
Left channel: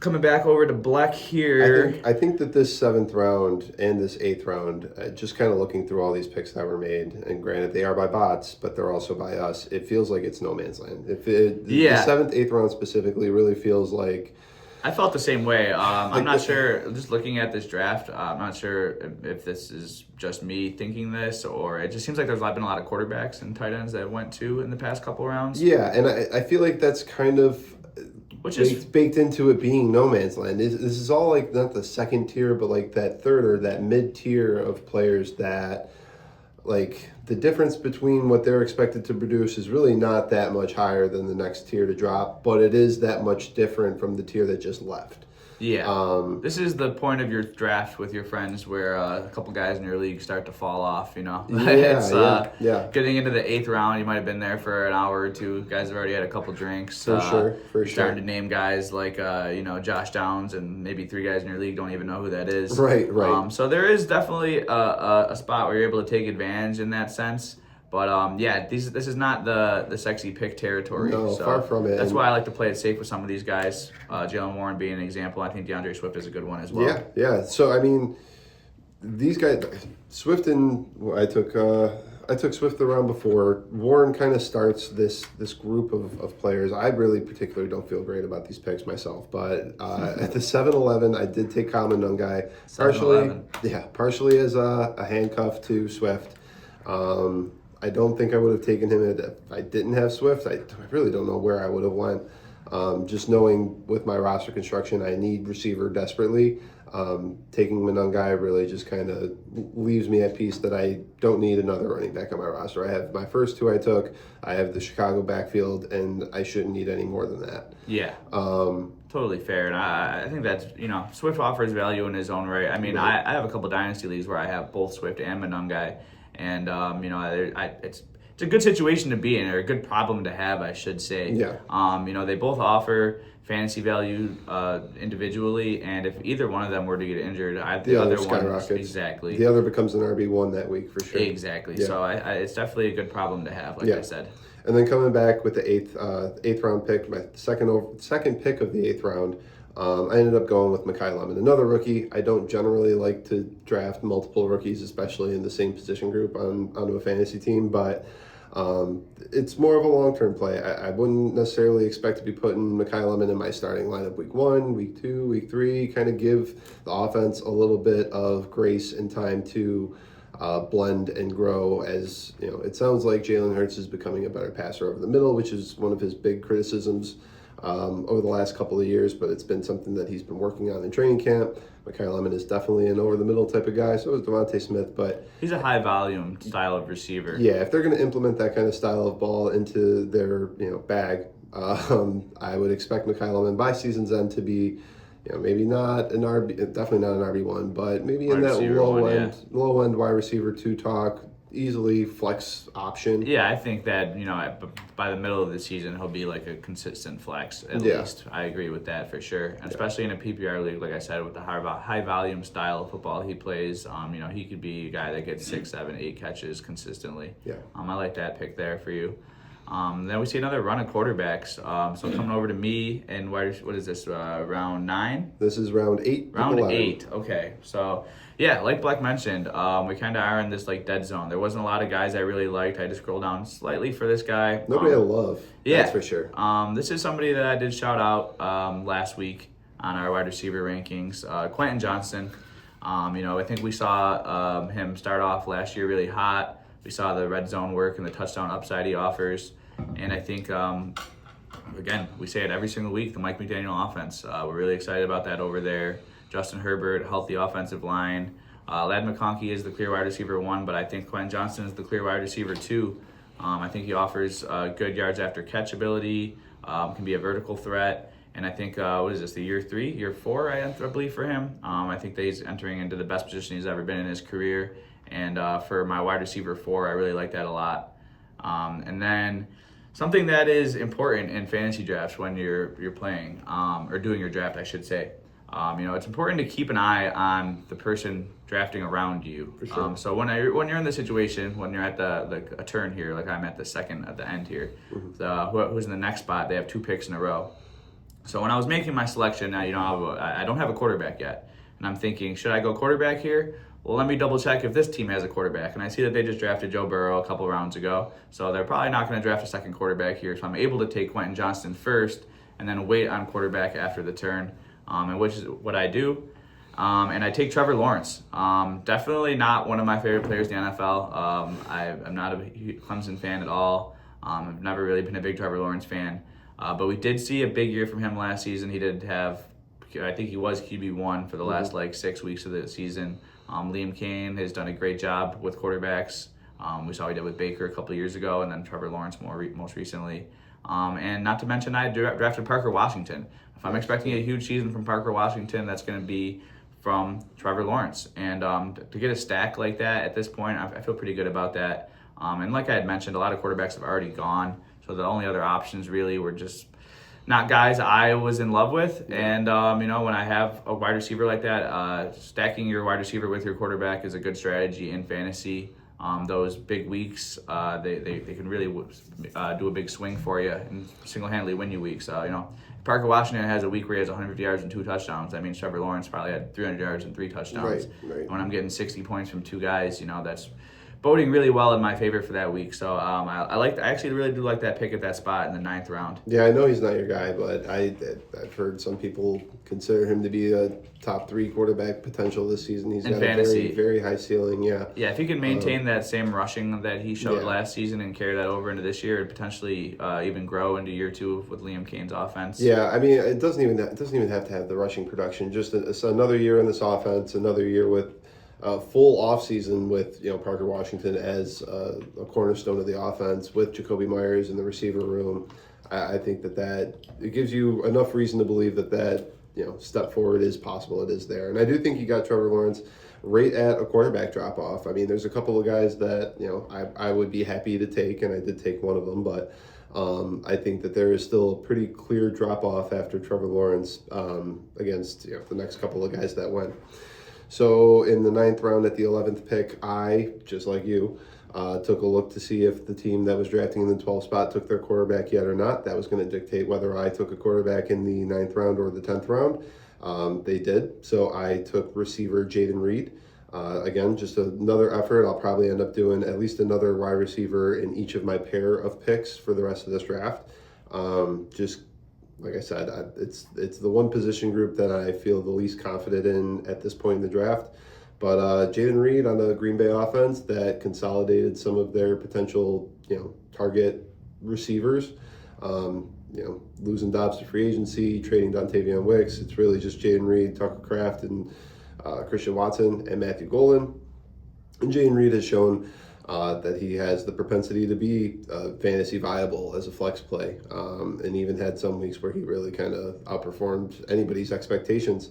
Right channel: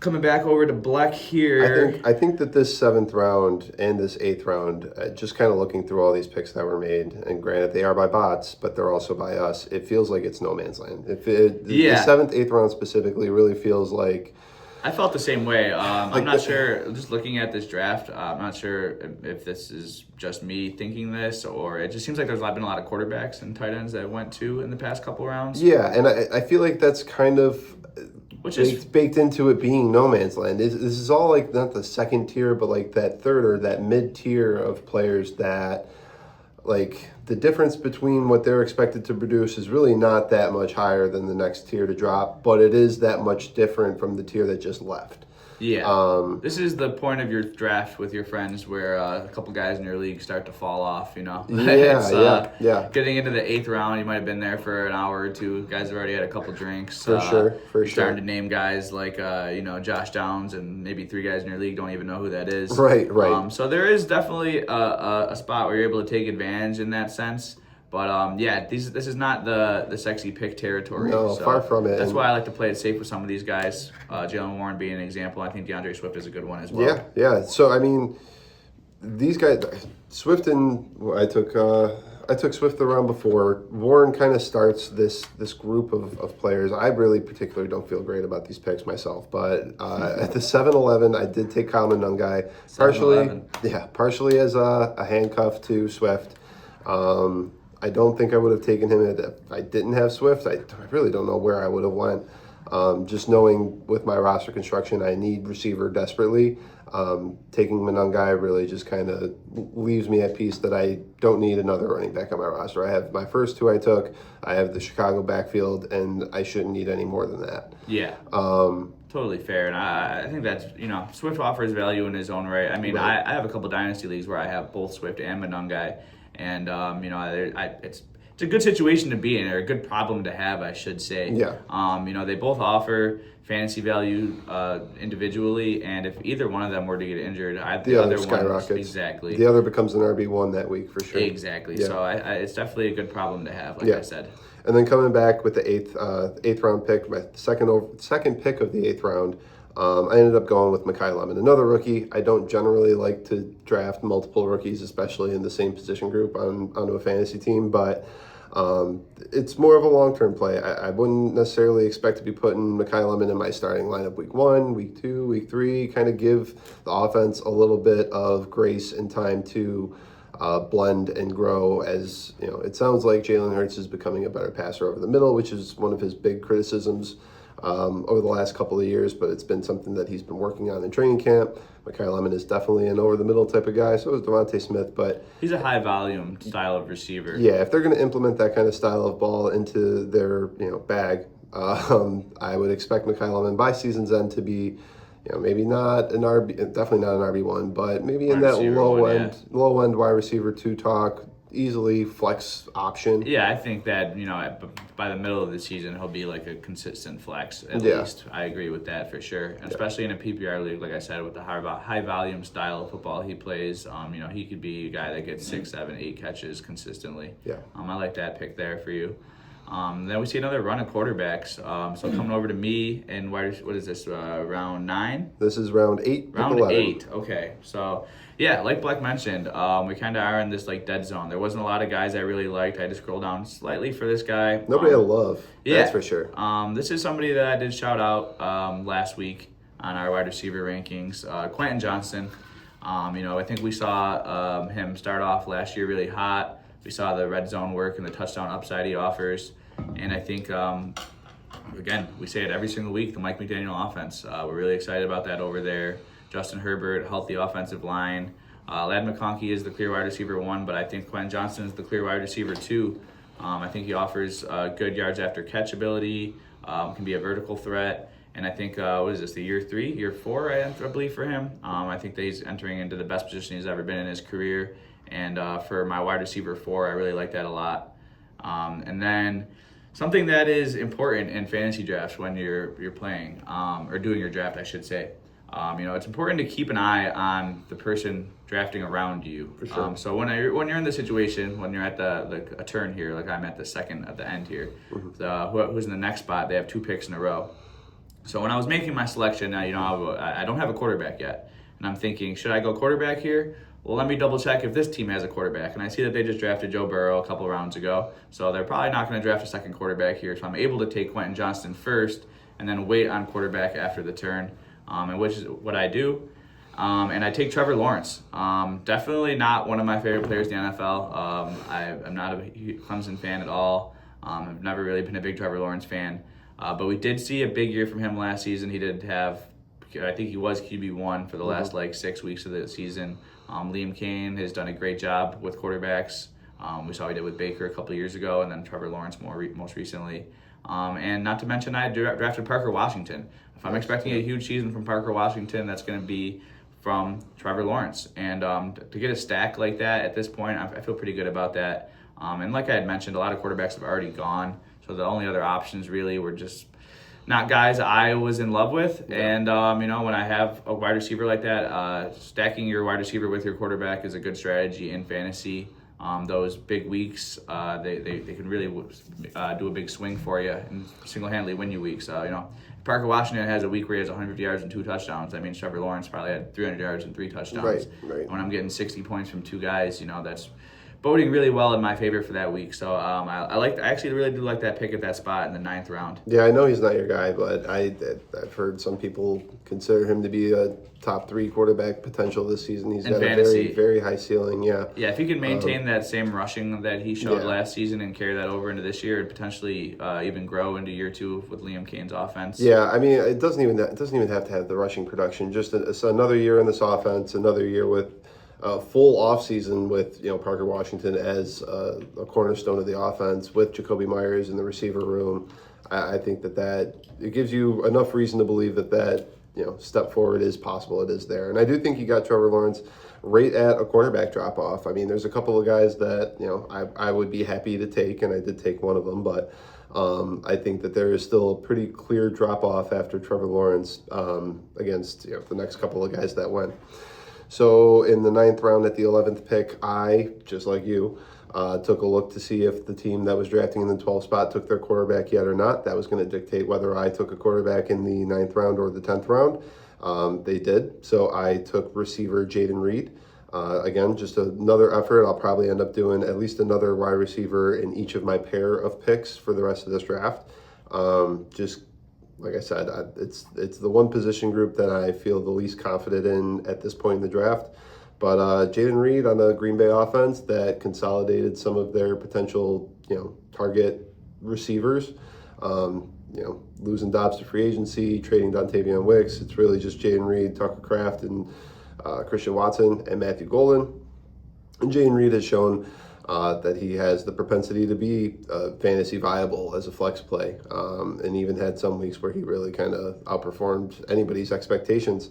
Coming back over to Bleck here. I think that this 7th round and this 8th round, just kind of looking through all these picks that were made, and granted they are by bots, but they're also by us, it feels like it's no man's land. The 7th, 8th round specifically really feels like... I felt the same way. I'm not sure, just looking at this draft, I'm not sure if this is just me thinking this, or it just seems like there's been a lot of quarterbacks and tight ends that went to in the past couple rounds. Yeah, and I feel like that's kind of... Which is baked into it being no man's land. This is all like not the second tier, but like that third or that mid tier of players that, like, the difference between what they're expected to produce is really not that much higher than the next tier to drop, but it is that much different from the tier that just left. Yeah. This is the point of your draft with your friends where a couple guys in your league start to fall off, you know? Yeah. Getting into the 8th round, you might have been there for an hour or two. Guys have already had a couple drinks. For sure. Starting to name guys like, Josh Downs, and maybe 3 guys in your league don't even know who that is. Right. So there is definitely a spot where you're able to take advantage in that sense. But this is not the sexy pick territory. No, so far from it. That's why I like to play it safe with some of these guys. Jalen Warren being an example. I think DeAndre Swift is a good one as well. Yeah. So I mean, these guys, Swift and I took Swift the round before. Warren kind of starts this group of players. I really particularly don't feel great about these picks myself, but at the 7-11, I did take Kyle Monungai, partially as a handcuff to Swift. I don't think I would have taken him if I didn't have Swift. I really don't know where I would have went. Just knowing with my roster construction, I need receiver desperately. Taking Monungai really just kind of leaves me at peace that I don't need another running back on my roster. I have my first 2 I took. I have the Chicago backfield, and I shouldn't need any more than that. Yeah. Totally fair. And I think that's, Swift offers value in his own right. I mean, right. I have a couple dynasty leagues where I have both Swift and Monungai. And, it's a good situation to be in, or a good problem to have, I should say. Yeah. They both offer fantasy value individually, and if either one of them were to get injured, the other skyrockets. Exactly. The other becomes an RB1 that week for sure. Exactly. Yeah. So it's definitely a good problem to have, like I said. And then coming back with the eighth round pick, my second pick of the 8th round, I ended up going with Mekhi Lemon, another rookie. I don't generally like to draft multiple rookies, especially in the same position group onto a fantasy team, but it's more of a long-term play. I wouldn't necessarily expect to be putting Mekhi Lemon in my starting lineup week 1, week 2, week 3, kind of give the offense a little bit of grace and time to blend and grow. As it sounds like Jalen Hurts is becoming a better passer over the middle, which is one of his big criticisms over the last couple of years, but it's been something that he's been working on in training camp. Mekhi Lemon is definitely an over-the-middle type of guy. So is Devontae Smith, but he's a high-volume style of receiver. Yeah, if they're going to implement that kind of style of ball into their bag, I would expect Mekhi Lemon by season's end to be, maybe not an RB, definitely not an RB1, but maybe in that low end wide receiver 2 talk. Easily flex option. Yeah, I think that, by the middle of the season, he'll be like a consistent flex at least. I agree with that for sure. Especially in a PPR league, like I said, with the high volume style of football he plays, he could be a guy that gets 6, 7, 8 catches consistently. Yeah. I like that pick there for you. Then we see another run of quarterbacks. So coming over to me in what is this, round 9? This is round 8. Round 11. 8, okay. So yeah, like Bleck mentioned, we kind of are in this like dead zone. There wasn't a lot of guys I really liked. I had to scroll down slightly for this guy. Nobody I love, yeah, that's for sure. This is somebody that I did shout out last week on our wide receiver rankings, Quentin Johnston. I think we saw him start off last year really hot. We saw the red zone work and the touchdown upside he offers. And I think, again, we say it every single week, the Mike McDaniel offense. We're really excited about that over there. Justin Herbert, healthy offensive line. Ladd McConkey is the clear wide receiver 1, but I think Quentin Johnston is the clear wide receiver 2. I think he offers good yards after catch ability, can be a vertical threat. And I think, what is this, the year 3, year 4, I believe, for him. I think that he's entering into the best position he's ever been in his career. And for my wide receiver 4, I really like that a lot. And then something that is important in fantasy drafts when you're playing, or doing your draft, I should say. It's important to keep an eye on the person drafting around you. For sure. So when you're in the situation, when you're at a turn here, like I'm at the end here, who's in the next spot, they have 2 picks in a row. So when I was making my selection, I don't have a quarterback yet, and I'm thinking, should I go quarterback here? Well, let me double check if this team has a quarterback. And I see that they just drafted Joe Burrow a couple rounds ago, so they're probably not going to draft a second quarterback here. So I'm able to take Quentin Johnston first and then wait on quarterback after the turn, and which is what I do. And I take Trevor Lawrence. Definitely not one of my favorite players in the NFL. I'm not a Clemson fan at all. I've never really been a big Trevor Lawrence fan. But we did see a big year from him last season. He did have, I think he was QB1 for the last 6 weeks of the season. Liam Cain has done a great job with quarterbacks. We saw he did with Baker a couple of years ago, and then Trevor Lawrence most recently. And not to mention, I drafted Parker Washington. If I'm expecting a huge season from Parker Washington, that's going to be from Trevor Lawrence. And to get a stack like that at this point, I feel pretty good about that. And like I had mentioned, a lot of quarterbacks have already gone. So the only other options really were just not guys I was in love with. And, when I have a wide receiver like that, stacking your wide receiver with your quarterback is a good strategy in fantasy. Those big weeks, they can really do a big swing for you and single-handedly win you weeks. Parker Washington has a week where he has 150 yards and 2 touchdowns. That means Trevor Lawrence probably had 300 yards and 3 touchdowns. Right. When I'm getting 60 points from 2 guys, that's boding really well in my favor for that week. So I actually really do like that pick at that spot in the 9th round. Yeah, I know he's not your guy, but I've heard some people consider him to be a top 3 quarterback potential this season. He's got fantasy. a very, very high ceiling, yeah. Yeah, if he can maintain that same rushing that he showed last season and carry that over into this year and potentially even grow into year 2 with Liam Cain's offense. Yeah, I mean, it doesn't even have to have the rushing production. Just another year in this offense, another year with full offseason with Parker Washington as a cornerstone of the offense with Jacoby Myers in the receiver room. I think that it gives you enough reason to believe that step forward is possible. It is there, and I do think you got Trevor Lawrence right at a quarterback drop off. I mean, there's a couple of guys that I would be happy to take, and I did take one of them, but I think that there is still a pretty clear drop off after Trevor Lawrence against the next couple of guys that went. So in the 9th round at the 11th pick, I, just like you, took a look to see if the team that was drafting in the 12th spot took their quarterback yet or not. That was going to dictate whether I took a quarterback in the 9th round or the 10th round. They did. So I took receiver Jaden Reed. Again, just another effort. I'll probably end up doing at least another wide receiver in each of my pair of picks for the rest of this draft. Just like I said, it's the one position group that I feel the least confident in at this point in the draft. But Jaden Reed on the Green Bay offense that consolidated some of their potential, target receivers. Losing Dobbs to free agency, trading Dontavion Wicks. It's really just Jaden Reed, Tucker Kraft, and Christian Watson and Matthew Golden. And Jaden Reed has shown that he has the propensity to be fantasy viable as a flex play, and even had some weeks where he really kind of outperformed anybody's expectations.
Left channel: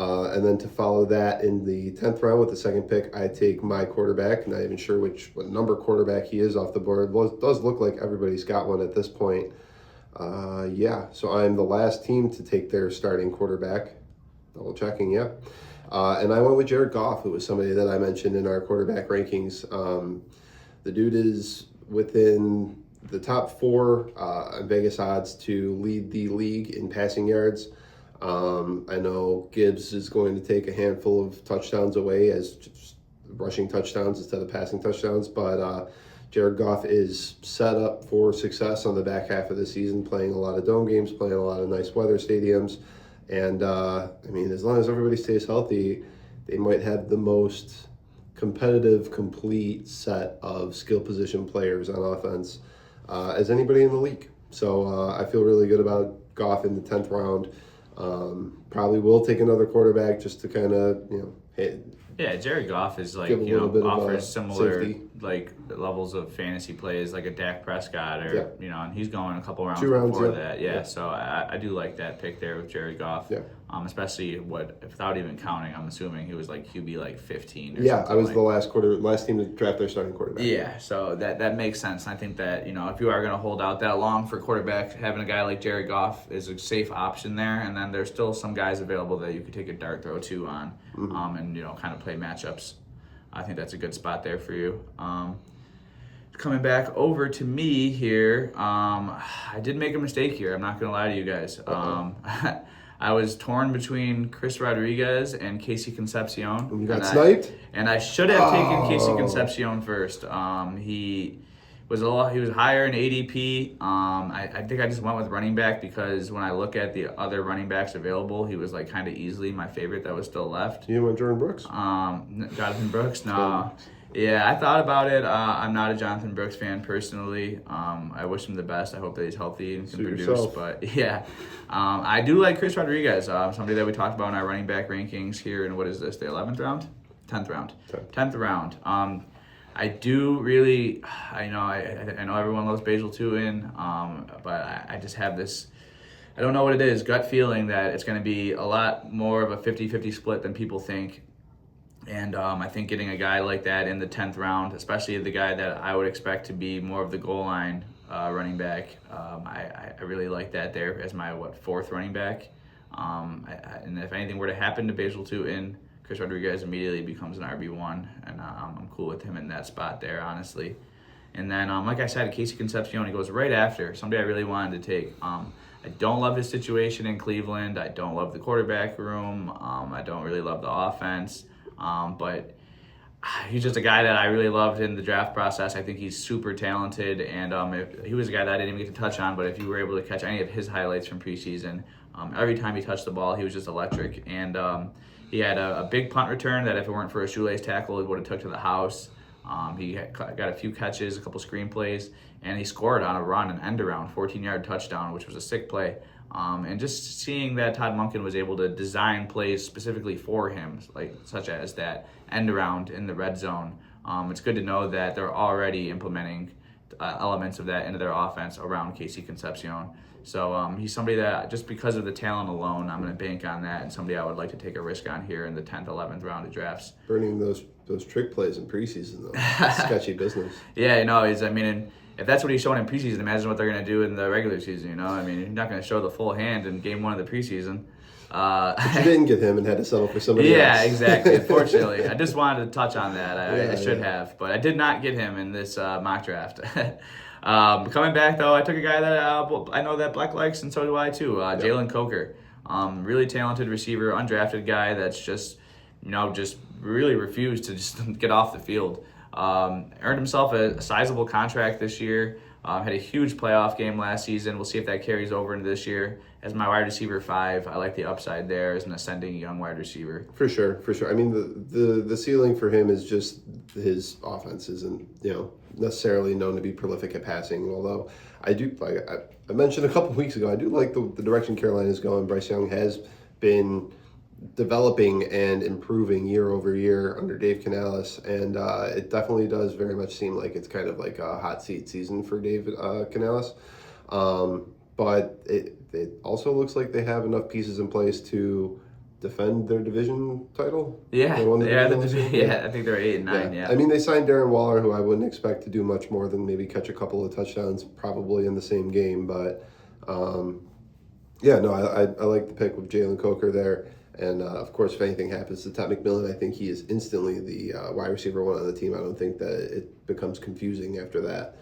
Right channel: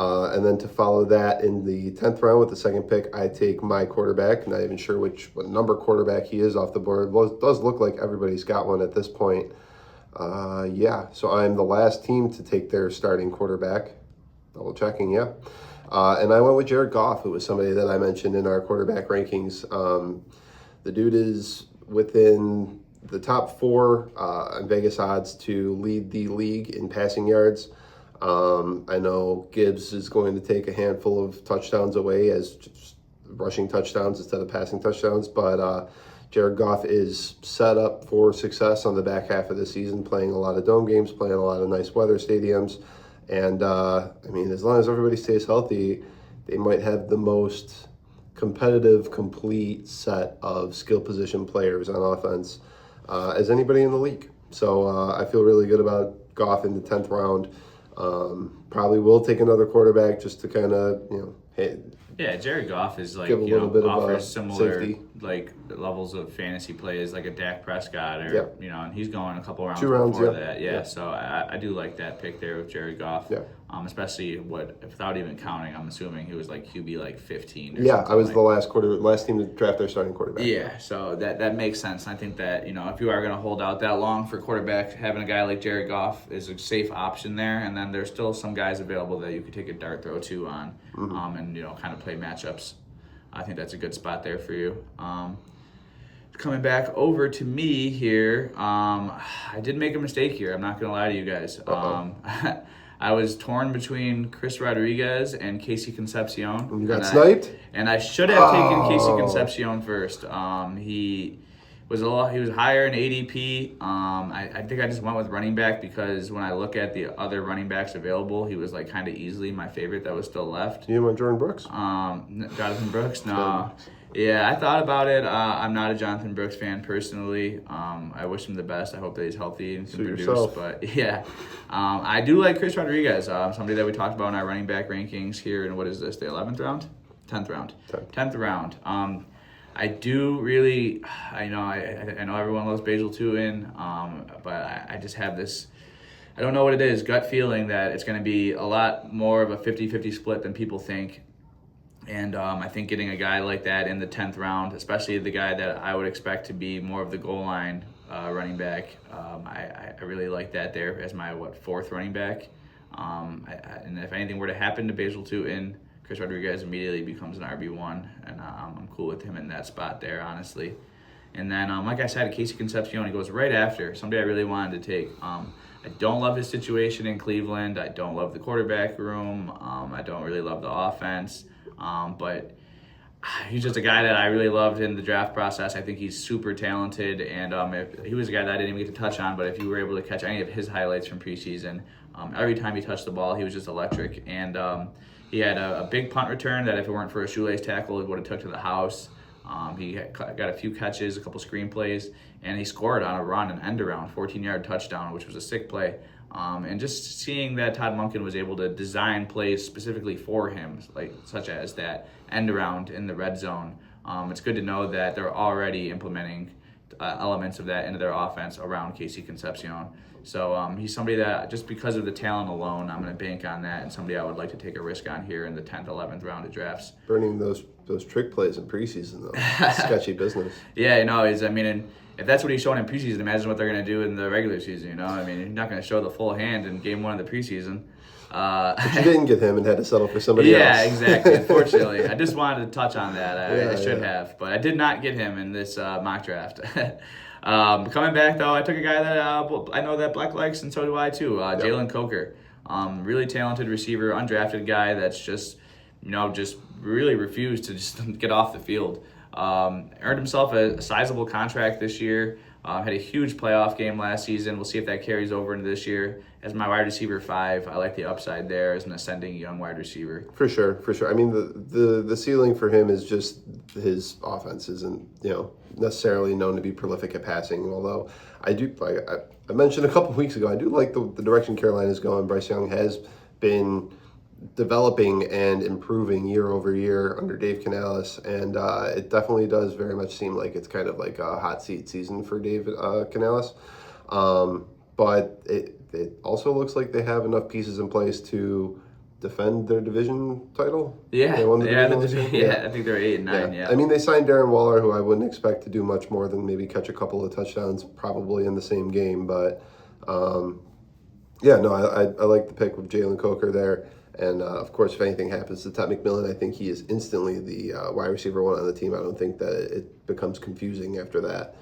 And then to follow that in the 10th round with the 2nd pick, I take my quarterback. Not even sure what number quarterback he is off the board. Well, it does look like everybody's got one at this point. So I'm the last team to take their starting quarterback. Double checking, yeah. And I went with Jared Goff, who was somebody that I mentioned in our quarterback rankings. The dude is within the top 4 in Vegas odds to lead the league in passing yards. I know Gibbs is going to take a handful of touchdowns away as just rushing touchdowns instead of passing touchdowns, but Jared Goff is set up for success on the back half of the season, playing a lot of dome games, playing a lot of nice weather stadiums, and I mean, as long as everybody stays healthy, they might have the most competitive, complete set of skill position players on offense as anybody in the league. So I feel really good about Goff in the 10th round. Probably will take another quarterback just to kind of, Yeah, Jared Goff is like, give a little bit of offers similar safety. like levels of fantasy plays like a Dak Prescott or, Yep. and he's going a couple rounds 2 rounds, before yep. that. Yeah, Yep. so I do like that pick there with Jared Goff. Yeah. Especially without even counting, I'm assuming he was like QB like 15 or Yeah, something. I was the last team to draft their starting quarterback. Yeah, so that makes sense. I think that, if you are going to hold out that long for quarterback, having a guy like Jared Goff is a safe option there. And then there's still some guys available that you could take a dart throw to on and, kind of play matchups. I think that's a good spot there for you. Coming back over to me here, I did make a mistake here. I'm not going to lie to you guys. I was torn between Chris Rodriguez and Casey Concepcion. You got sniped? And I should have taken Casey Concepcion first. He was higher in ADP. I think I just went with running back because when I look at the other running backs available, he was like kind of easily my favorite that was still left. You went Jordan Brooks? Jonathan Brooks? No. Yeah, I thought about it. I'm not a Jonathan Brooks fan personally. I wish him the best. I hope that he's healthy and can produce. Yourself. But yeah, I do like Chris Rodriguez, somebody that we talked about in our running back rankings here. And what is this? The 11th round, 10th round, 10th round. I do really. I know everyone loves Basil Tuin, but I just have this. I don't know what it is. Gut feeling that it's going to be a lot more of a 50-50 split than people think. And I think getting a guy like that in the 10th round, especially the guy that I would expect to be more of the goal line running back, I really like that there as my, 4th running back. And if anything were to happen to Basil Tuin, Chris Rodriguez immediately becomes an RB1, and I'm cool with him in that spot there, honestly. And then, like I said, Casey Concepcion, he goes right after, somebody I really wanted to take. I don't love his situation in Cleveland. I don't love the quarterback room. I don't really love the offense. But he's just a guy that I really loved in the draft process. I think he's super talented, and if he was a guy that I didn't even get to touch on, but if you were able to catch any of his highlights from preseason, every time he touched the ball, he was just electric. And he had a big punt return that if it weren't for a shoelace tackle, it would have took to the house. He got a few catches, a couple screen plays, and he scored on a run, an end around, 14-yard touchdown, which was a sick play. And just seeing that Todd Monken was able to design plays specifically for him, such as that end around in the red zone, it's good to know that they're already implementing elements of that into their offense around Casey Concepcion. So he's somebody that, just because of the talent alone, I'm going to bank on that, and somebody I would like to take a risk on here in the 10th, 11th round of drafts. Burning those trick plays in preseason, though. Sketchy business. Yeah, and if that's what he's showing in preseason, imagine what they're going to do in the regular season, I mean, you're not going to show the full hand in game 1 of the preseason. But you didn't get him and had to settle for somebody else. Yeah, exactly. Unfortunately, I just wanted to touch on that. I should have, but I did not get him in this mock draft. Coming back, though, I took a guy that I know that Bleck likes, and so do I, too, Jalen Coker. Really talented receiver, undrafted guy that's just really refused to just get off the field. Earned himself a sizable contract this year. Had a huge playoff game last season. We'll see if that carries over into this year. As my wide receiver 5, I like the upside there as an ascending young wide receiver. For sure. I mean, the ceiling for him is just his offense isn't necessarily known to be prolific at passing. Although I do I mentioned a couple weeks ago, I do like the direction Carolina's going. Bryce Young has been developing and improving year over year under Dave Canales, and it definitely does very much seem like it's kind of like a hot seat season for Dave Canales. But it also looks like they have enough pieces in place to defend their division title. Yeah, they won the division. Yeah, I think they're 8 and 9. Yeah. I mean, they signed Darren Waller, who I wouldn't expect to do much more than maybe catch a couple of touchdowns, probably in the same game. But I like the pick with Jalen Coker there. And, of course, if anything happens to Ted McMillan, I think he is instantly the wide receiver 1 on the team. I don't think that it becomes confusing after that.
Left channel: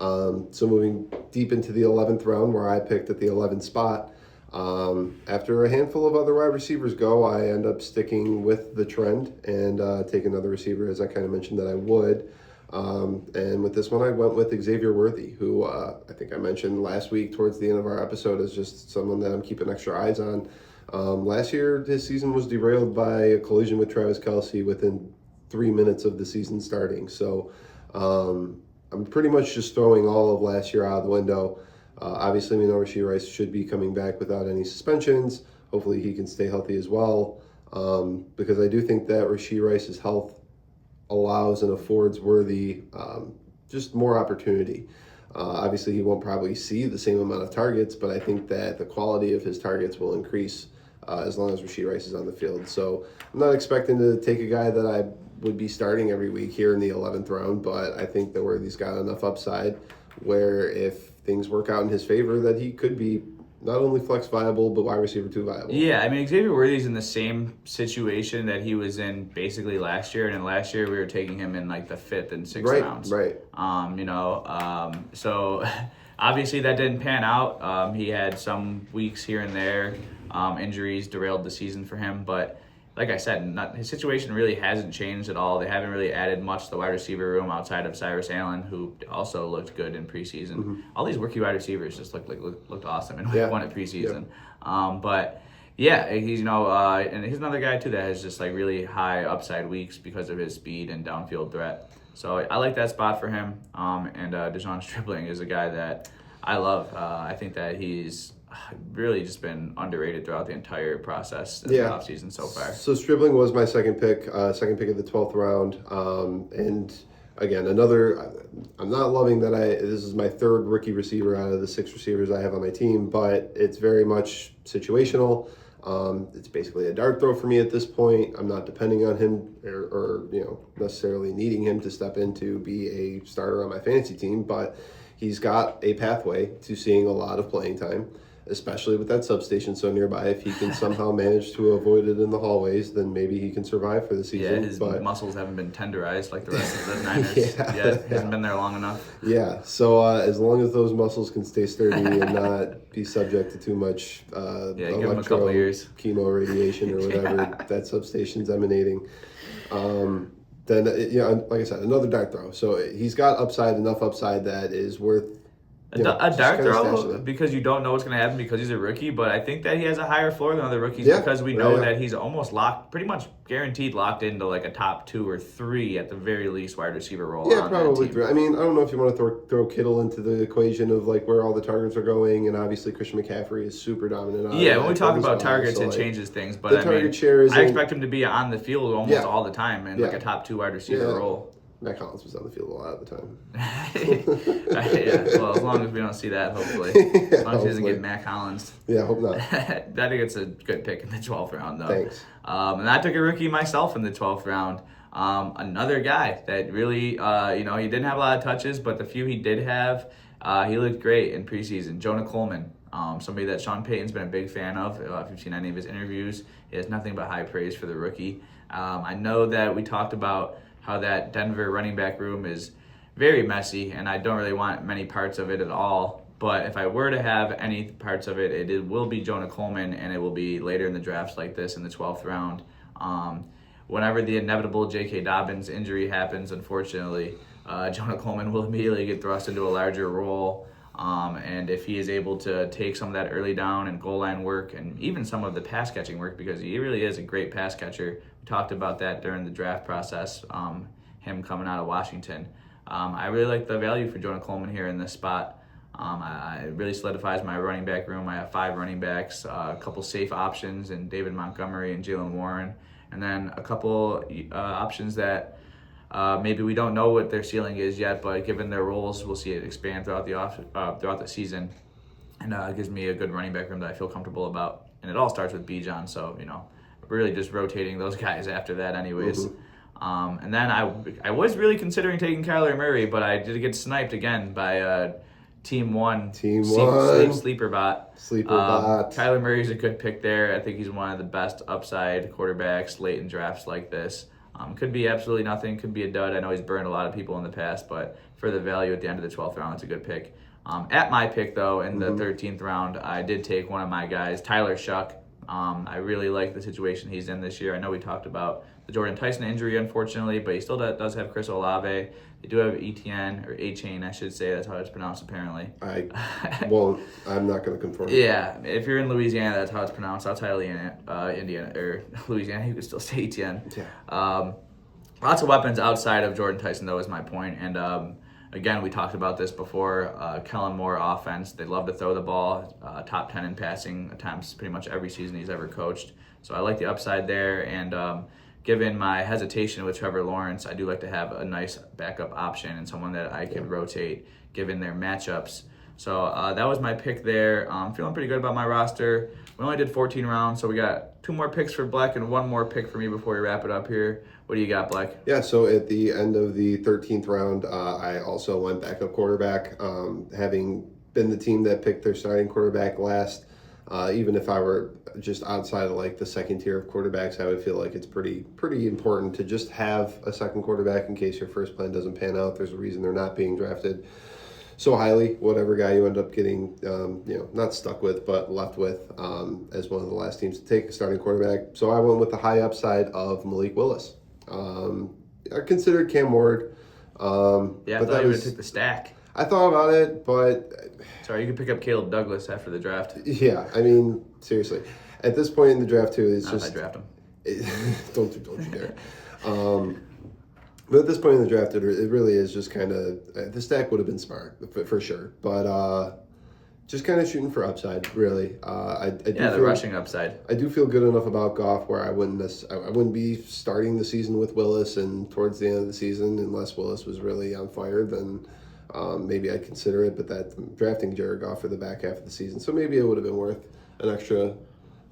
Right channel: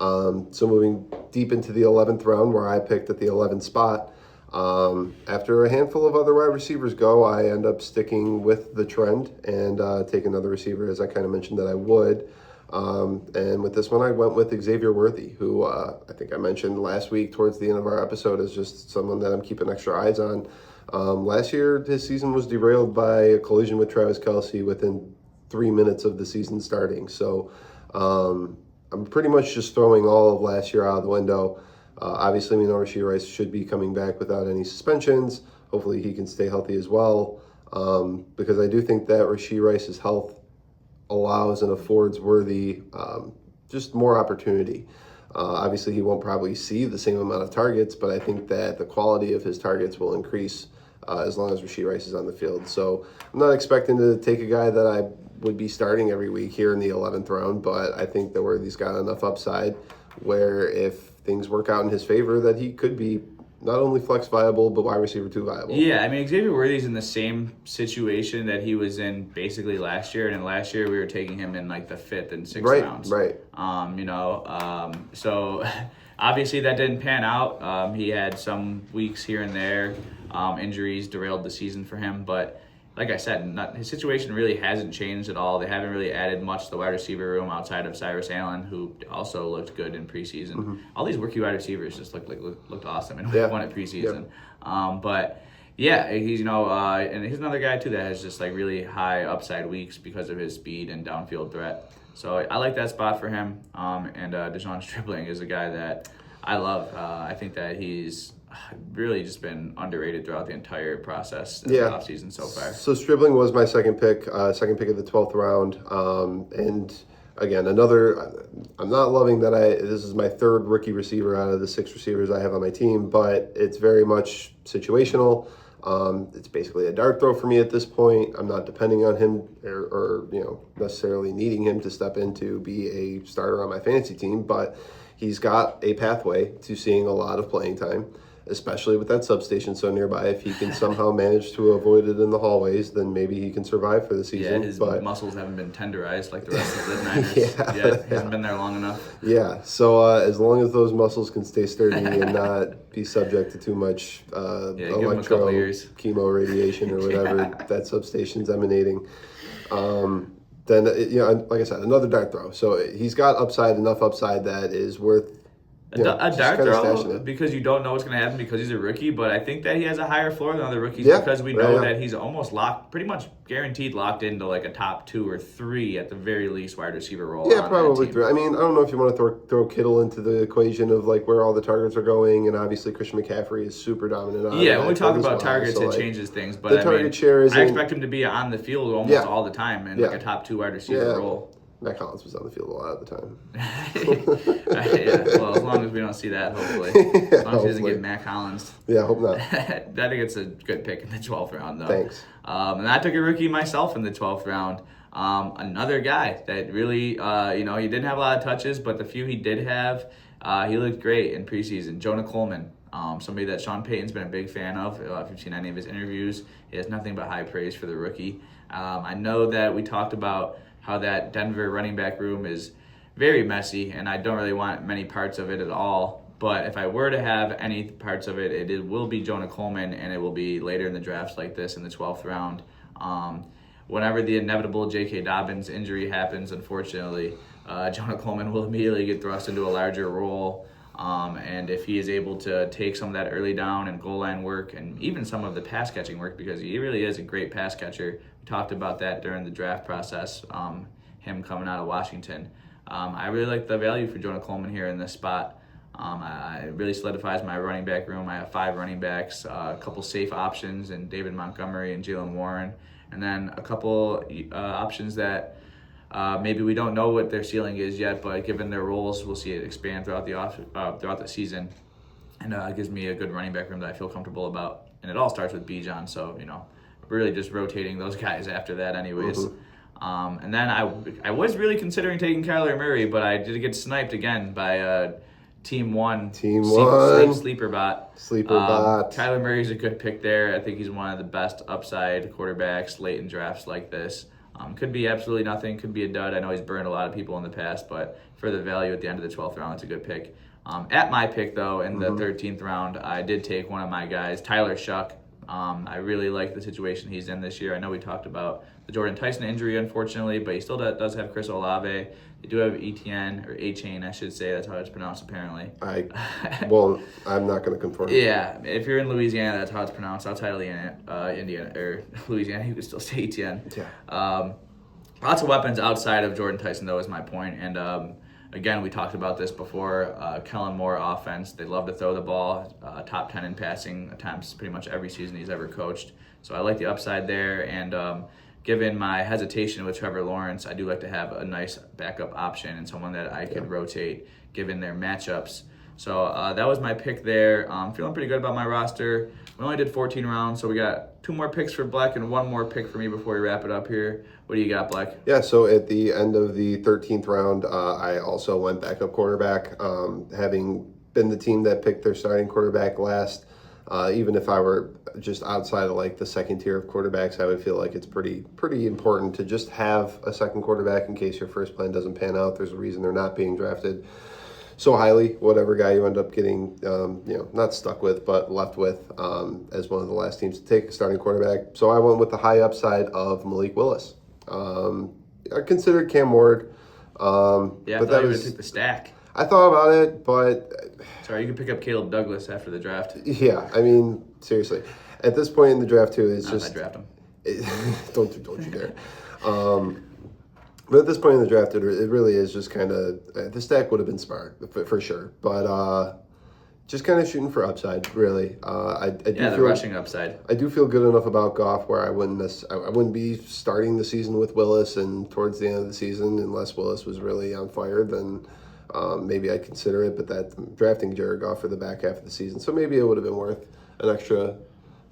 So moving deep into the 11th round, where I picked at the 11th spot, after a handful of other wide receivers go, I end up sticking with the trend and take another receiver, as I kind of mentioned that I would. And with this one, I went with Xavier Worthy, who I think I mentioned last week towards the end of our episode is just someone that I'm keeping extra eyes on. Last year, his season was derailed by a collision with Travis Kelce within 3 minutes of the season starting. So I'm pretty much just throwing all of last year out of the window. Obviously, we know Rashee Rice should be coming back without any suspensions. Hopefully, he can stay healthy as well, because I do think that Rashee Rice's health allows and affords Worthy just more opportunity. Obviously, he won't probably see the same amount of targets, but I think that the quality of his targets will increase as long as Rashee Rice is on the field. So I'm not expecting to take a guy that I would be starting every week here in the 11th round, but I think that Worthy's got enough upside where if things work out in his favor, that he could be not only flex viable, but wide receiver 2 viable. Yeah, I mean, Xavier Worthy's in the same situation that he was in basically last year. And in last year, we were taking him in like the 5th and 6th rounds. Right. So obviously that didn't pan out. He had some weeks here and there. Injuries derailed the season for him. But like I said, his situation really hasn't changed at all. They haven't really added much to the wide receiver room outside of Cyrus Allen, who also looked good in preseason. Mm-hmm. All these rookie wide receivers just looked awesome in week 1 at preseason. Yep. But yeah, he's and he's another guy too that has just like really high upside weeks because of his speed and downfield threat. So I like that spot for him. And Dejon Stribling is a guy that I love. I think that he's really just been underrated throughout the entire process of the offseason so far. So Stribling was my second pick of the 12th round. And again, I'm not loving that this is my 3rd rookie receiver out of the 6 receivers I have on my team, but it's very much situational. It's basically a dart throw for me at this point. I'm not depending on him or necessarily needing him to step in to be a starter on my fantasy team, but he's got a pathway to seeing a lot of playing time, especially with that substation so nearby. If he can somehow manage to avoid it in the hallways, then maybe he can survive for the season. Yeah, his muscles haven't been tenderized like the rest of the Niners. He hasn't been there long enough. Yeah, so as long as those muscles can stay sturdy and not be subject to too much give him a couple years. Chemo radiation or whatever that substation's emanating, then like I said, another dart throw. So he's got enough upside that is worth a dart throw because you don't know what's going to happen because he's a rookie, but I think that he has a higher floor than other rookies because we know that he's almost pretty much guaranteed locked into like a top 2 or 3 at the very least wide receiver role. Yeah, probably 3. I mean, I don't know if you want to throw Kittle into the equation of like where all the targets are going, and obviously Christian McCaffrey is super dominant. When we talk about targets, it changes ththings, but I expect him to be on the field almost all the time in like a top 2 wide receiver role. Matt Collins was on the field a lot of the time. Well, as long as we don't see that, hopefully. As long as he doesn't get Matt Collins. Yeah, hope not. I think it's a good pick in the 12th round, though. Thanks. And I took a rookie myself in the 12th round. Another guy that really, he didn't have a lot of touches, but the few he did have, he looked great in preseason. Jonah Coleman, somebody that Sean Payton's been a big fan of. If you've seen any of his interviews, he has nothing but high praise for the rookie. I know that we talked about how that Denver running back room is very messy, and I don't really want many parts of it at all. But if I were to have any parts of it, it will be Jonah Coleman, and it will be later in the drafts like this in the 12th round. Whenever the inevitable J.K. Dobbins injury happens, unfortunately, Jonah Coleman will immediately get thrust into a larger role. And if he is able to take some of that early down and goal line work and even some of the pass catching work, because he really is a great pass catcher. We talked about that during the draft process, him coming out of Washington. I really like the value for Jonah Coleman here in this spot. It really solidifies my running back room. I have 5 running backs, a couple safe options in David Montgomery and Jalen Warren, and then a couple options that maybe we don't know what their ceiling is yet, but given their roles, we'll see it expand throughout the season. And it gives me a good running back room that I feel comfortable about. And it all starts with Bijan, so really just rotating those guys after that, anyways. Mm-hmm. And then I was really considering taking Kyler Murray, but I did get sniped again by Team One. Sleeper bot. Kyler Murray's a good pick there. I think he's one of the best upside quarterbacks late in drafts like this. Could be absolutely nothing, could be a dud. I know he's burned a lot of people in the past, but for the value at the end of the 12th round, it's a good pick. At my pick, though, in the 13th round, I did take one of my guys, Tyler Shuck. I really like the situation he's in this year. I know we talked about the Jordan Tyson injury, unfortunately, but he still does have Chris Olave. They do have Etienne, or A-Chain, I should say. That's how it's pronounced, apparently. Well, I'm not going to confirm. Yeah, if you're in Louisiana, that's how it's pronounced. Outside of Indiana, or Louisiana, you could still say Etienne. Yeah. Lots of weapons outside of Jordan Tyson, though, is my point. And again, we talked about this before. Kellen Moore offense, they love to throw the ball. Top 10 in passing attempts pretty much every season he's ever coached. So I like the upside there. And given my hesitation with Trevor Lawrence, I do like to have a nice backup option and someone that I can rotate given their matchups. So that was my pick there. Feeling pretty good about my roster. We only did 14 rounds, so we got 2 more picks for Bleck and 1 more pick for me before we wrap it up here. What do you got, Bleck? Yeah, so at the end of the 13th round, I also went backup quarterback, having been the team that picked their starting quarterback last. Even if I were just outside of like the second tier of quarterbacks, I would feel like it's pretty important to just have a second quarterback in case your first plan doesn't pan out. There's a reason they're not being drafted so highly. Whatever guy you end up getting, not stuck with, but left with as one of the last teams to take a starting quarterback. So I went with the high upside of Malik Willis. I considered Cam Ward. Yeah, I thought you would have took the stack. I thought about it, but... Sorry, you could pick up Caleb Douglas after the draft. Yeah, I mean, seriously. At this point in the draft, too, it's just... I draft him. Don't you dare. But at this point in the draft, it really is just kind of... The stack would have been smart, for sure. But just kind of shooting for upside, really. The rushing upside. I do feel good enough about Goff where I wouldn't be starting the season with Willis, and towards the end of the season, unless Willis was really on fire, then... maybe I'd consider it, but that drafting Jared Goff for the back half of the season. So maybe it would have been worth an extra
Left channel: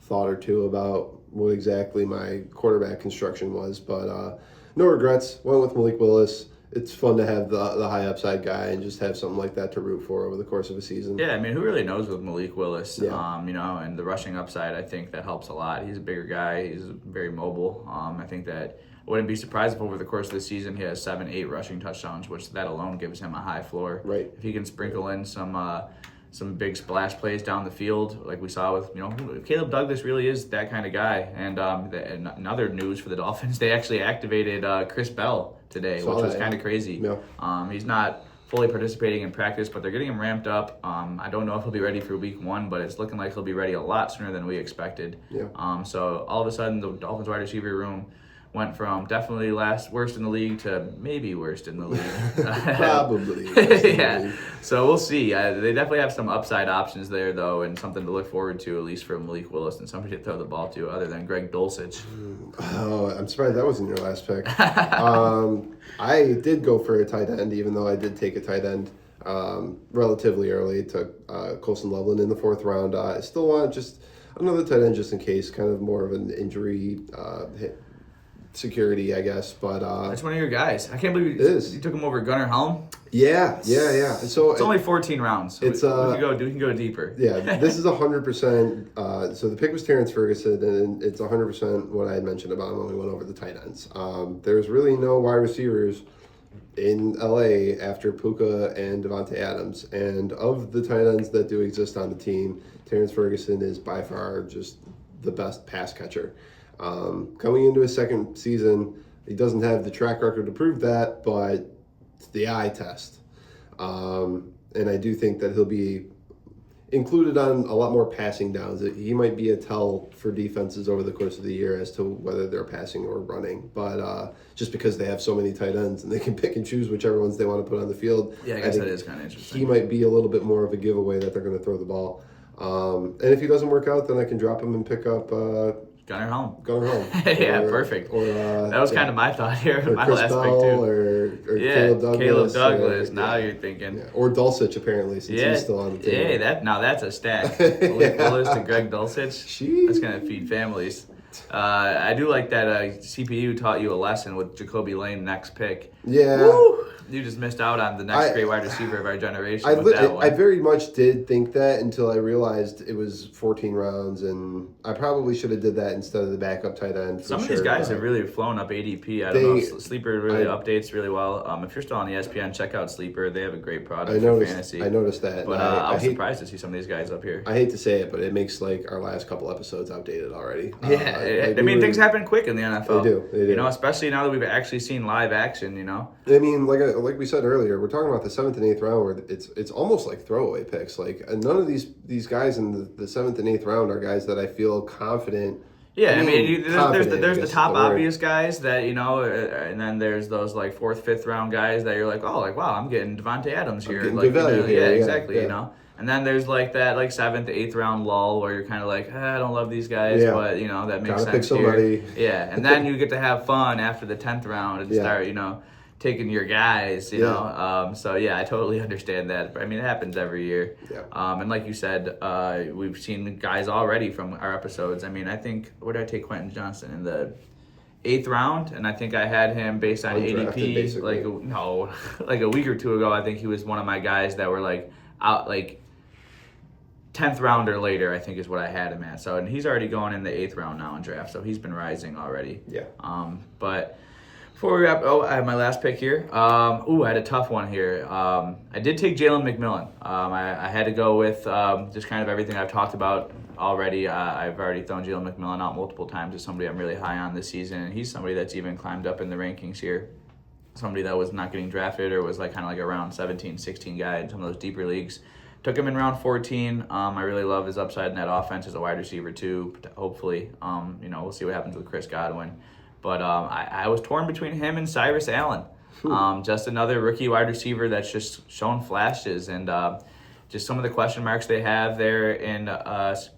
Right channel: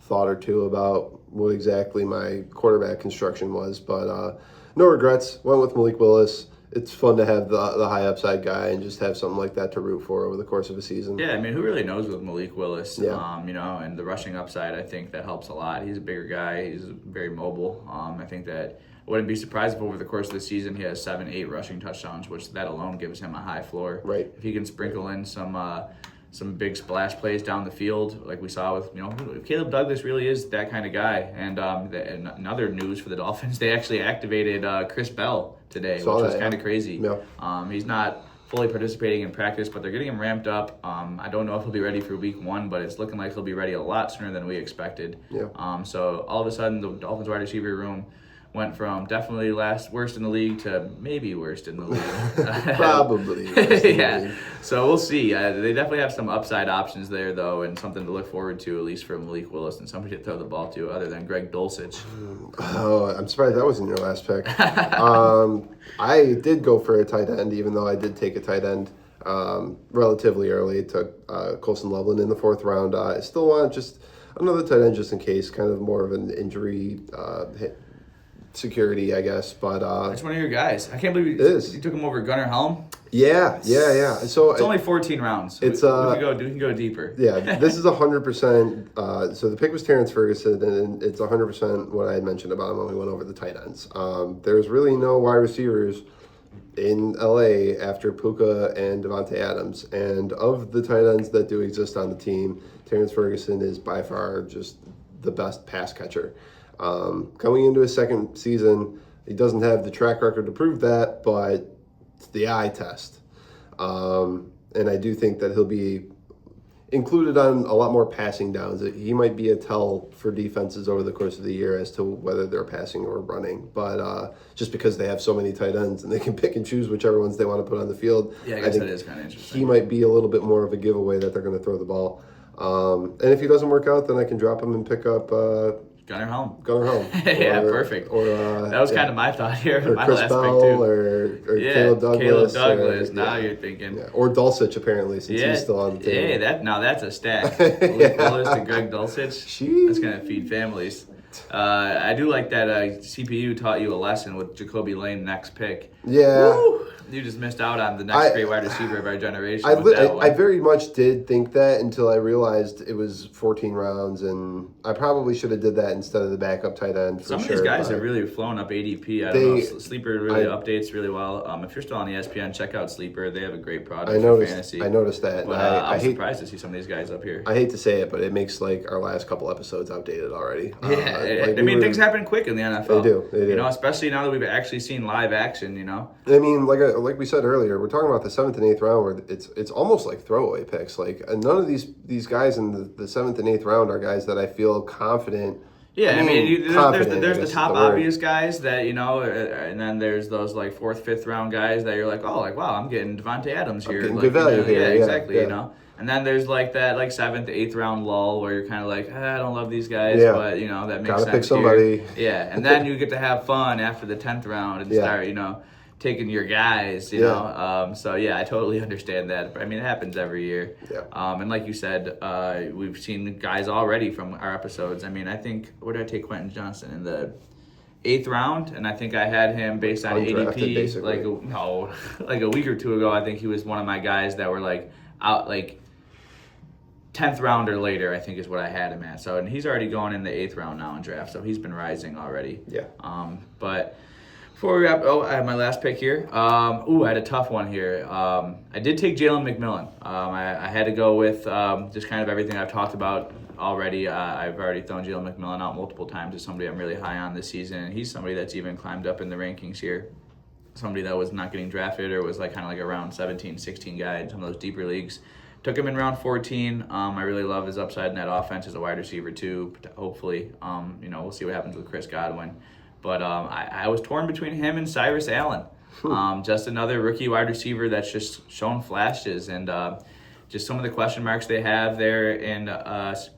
thought or two about what exactly my quarterback construction was. But no regrets. Went with Malik Willis. It's fun to have the high upside guy and just have something like that to root for over the course of a season. Yeah, I mean, who really knows with Malik Willis? Yeah. And the rushing upside, I think that helps a lot. He's a bigger guy. He's very mobile. I think that I wouldn't be surprised if over the course of the season he has 7-8 rushing touchdowns, which that alone gives him a high floor. Right. If he can sprinkle in some big splash plays down the field, like we saw with Caleb Douglas really is that kind of guy. And in other news for the Dolphins, they actually activated Chris Bell today, which was kind of crazy. Yeah. He's not fully participating in practice, but they're getting him ramped up. I don't know if he'll be ready for week 1, but it's looking like he'll be ready a lot sooner than we expected. Yeah. So all of a sudden, the Dolphins wide receiver room went from definitely worst in the league to maybe worst in the league. Probably. Yeah. So we'll see. They definitely have some upside options there, though, and something to look forward to, at least for Malik Willis and somebody to throw the ball to other than Greg Dulcich. Oh, I'm surprised that wasn't your last pick. I did go for a tight end, even though I did take a tight end relatively early. Took Colson Loveland in the 4th round. I still want just another tight end just in case, kind of more of an injury hit. Security, I guess, but that's one of your guys. I can't believe you took him over Gunnar Helm. Yeah. So it's only 14 rounds. It's we can go deeper. Yeah, this is 100%. So the pick was Terrence Ferguson, and it's 100% what I had mentioned about him when we went over the tight ends. There's really no wide receivers in LA after Puka and Devontae Adams, and of the tight ends that do exist on the team, Terrence Ferguson is by far just the best pass catcher. Coming into his 2nd season, he doesn't have the track record to prove that, but it's the eye test. And I do think that he'll be included on a lot more passing downs. He might be a tell for defenses over the course of the year as to whether they're passing or running. But just because they have so many tight ends and they can pick and choose whichever ones they want to put on the field. Yeah, I guess that is kind of interesting. He might be a little bit more of a giveaway that they're going to throw the ball. And if he doesn't work out, then I can drop him and pick up... Gunnar Helm. Yeah, perfect. That was kind of my thought here. My Chris last Bell, pick too. Or Caleb Douglas. Now you're thinking. Yeah. Or Dulcich, apparently, since he's still on the team. Yeah, that's a stack. Malik Willis to Greg Dulcich. That's going to feed families. I do like that CPU taught you a lesson with Jacoby Lane next pick. Yeah. Woo! You just missed out on the next great wide receiver of our generation. I very much did think that until I realized it was 14 rounds, and I probably should have did that instead of the backup tight end. Some of these guys have really flown up ADP. I don't know. Sleeper really updates really well. If you're still on ESPN, check out Sleeper. They have a great product for fantasy. I noticed that. But I'm surprised to see some of these guys up here. I hate to say it, but it makes like our last couple episodes outdated already. Yeah, things happen quick in the NFL. They do. You know, especially now that we've actually seen live action. You know. I mean, like we said earlier, we're talking about the 7th and 8th round where it's almost like throwaway picks. Like none of these guys in the 7th and 8th round are guys that I feel confident. Yeah, I mean there's the top obvious guys that, you know, and then there's those like 4th, 5th round guys that you're like, oh, like wow, I'm getting Devontae Adams here. Like, value here. Yeah, exactly. Yeah. You know. And then there's like that like 7th, 8th round lull where you're kind of like, I don't love these guys, but you know that makes sense. Gotta pick somebody. Yeah, and then you get to have fun after the 10th round and start, you know, taking your guys, you know. So yeah, I totally understand that. I mean, it happens every year. Yeah. And like you said, we've seen guys already from our episodes. I mean, I think where did I take Quentin Johnson in the 8th round, and I think I had him based on ADP basically. like a week or two ago. I think he was one of my guys that were like out like 10th round or later, I think is what I had him at. So, and he's already going in the 8th round now in draft, so he's been rising already. Yeah. But before we wrap, I have my last pick here. I had a tough one here. I did take Jalen McMillan. I had to go with just kind of everything I've talked about already. I've already thrown Jalen McMillan out multiple times as somebody I'm really high on this season, and he's somebody that's even climbed up in the rankings here. Somebody that was not getting drafted or was like kind of like a round 17, 16 guy in some of those deeper leagues. Took him in round 14. I really love his upside in that offense as a wide receiver too. Hopefully, you know, we'll see what happens with Chris Godwin. But I was torn between him and Cyrus Allen. Just another rookie wide receiver that's just shown flashes, and just some of the question marks they have there in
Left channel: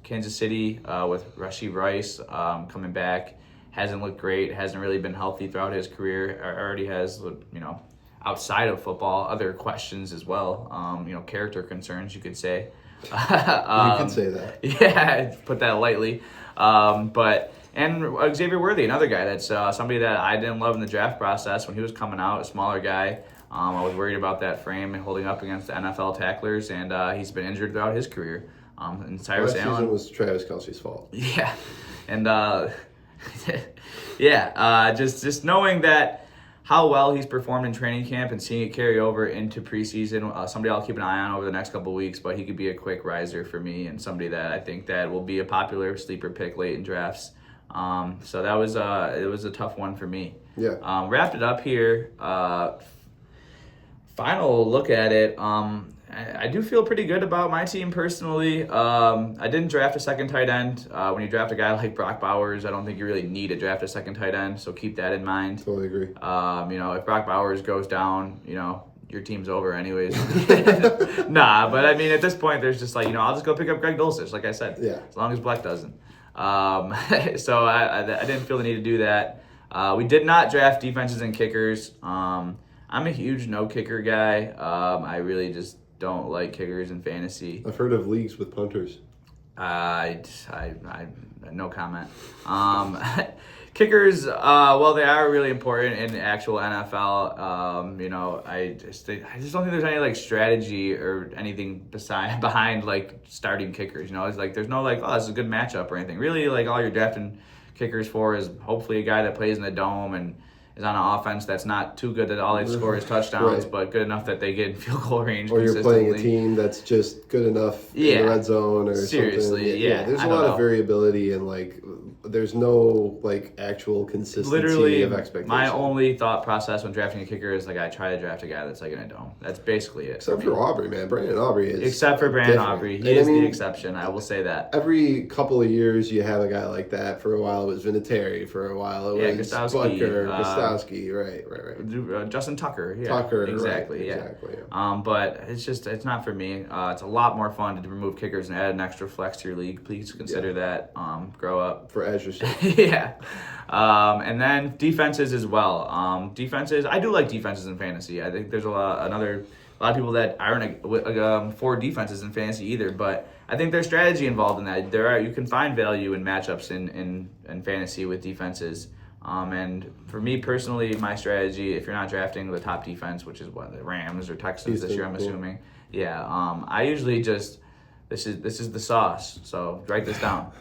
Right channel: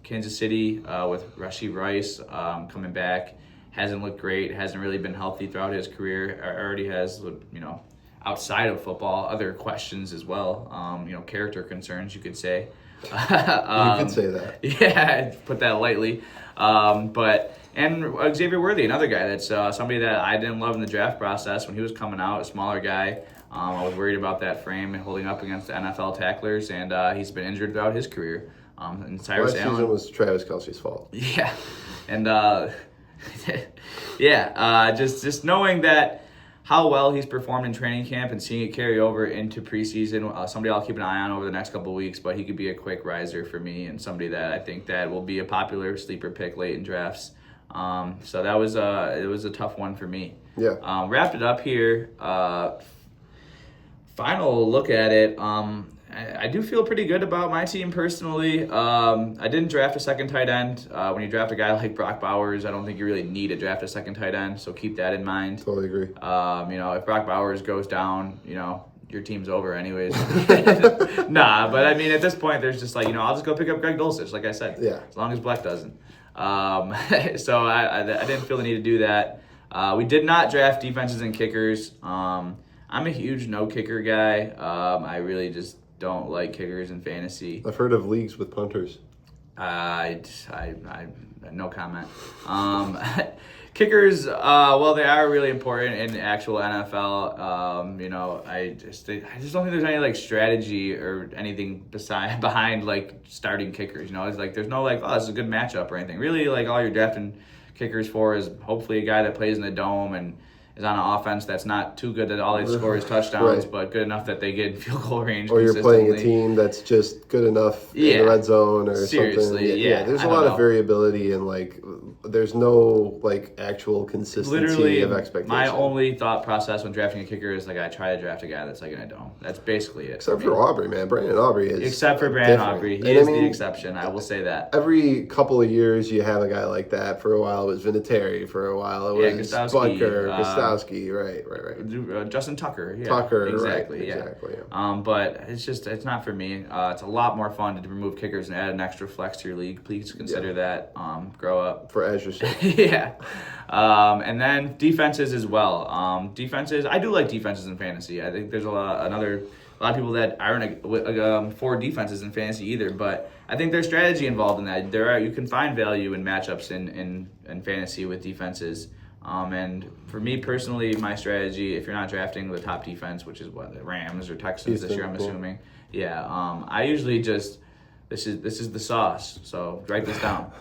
Kansas City with Rashee Rice coming back. Hasn't looked great, hasn't really been healthy throughout his career. Already has, you know, outside of football, other questions as well. You know, character concerns, you could say. You could say that. Yeah, put that lightly. And Xavier Worthy, another guy that's somebody that I didn't love in the draft process when he was coming out, a smaller guy. I was worried about that frame and holding up against the NFL tacklers, and he's been injured throughout his career. And Cyrus Allen season was Travis Kelce's fault. Yeah, and just knowing that how well he's performed in training camp and seeing it carry over into preseason, somebody I'll keep an eye on over the next couple of weeks, but he could be a quick riser for me and somebody that I think that will be a popular sleeper pick late in drafts. So that was it was a tough one for me. Yeah. Wrapped it up here. Final look at it. I do feel pretty good about my team personally. I didn't draft a second tight end. When you draft a guy like Brock Bowers, I don't think you really need to draft a second tight end, so keep that in mind. Totally agree. You know, if Brock Bowers goes down, you know, your team's over anyways. Nah, but I mean, at this point, there's just like, you know, I'll just go pick up Greg Dulcich, like I said. Yeah. As long as Bleck doesn't. So I didn't feel the need to do that. We did not draft defenses and kickers. I'm a huge no kicker guy. I really just don't like kickers in fantasy. I've heard of leagues with punters. I no comment. Kickers, well, they are really important in the actual NFL. You know, I just don't think there's any like strategy or anything behind like starting kickers. You know, it's like there's no like, oh, this is a good matchup or anything. Really, like all you're drafting kickers for is hopefully a guy that plays in the dome and is on an offense that's not too good that all they score is touchdowns, but good enough that they get in field goal range. Or you're playing a team that's just good enough in the red zone or something. Yeah, there's a lot of variability and like there's no like actual consistency of expectation. My only thought process when drafting a kicker is like I try to draft a guy that's like in a dome. That's basically it. Except for Aubrey, man. Brandon Aubrey is Except for Brandon Aubrey. He is the exception. I will say that. Every couple of years you have a guy like that. For a while it was Vinatieri. For a while it was Butker, Gostowski. Right. Justin Tucker. Yeah, Tucker. Exactly. Right, yeah. Exactly. Yeah. But it's not for me. It's a lot more fun to remove kickers and add an extra flex to your league. Please consider that. Grow up. For Azure sake. Yeah. And then defenses as well. Defenses, I do like defenses in fantasy. I think there's a lot of people that aren't for defenses in fantasy either, but I think there's strategy involved in that. You can find value in matchups in fantasy with defenses. And for me personally, my strategy, if you're not drafting the top defense, which is what, the Rams or Texans this year, I'm assuming. Yeah, I usually just, this is the sauce. So write this down.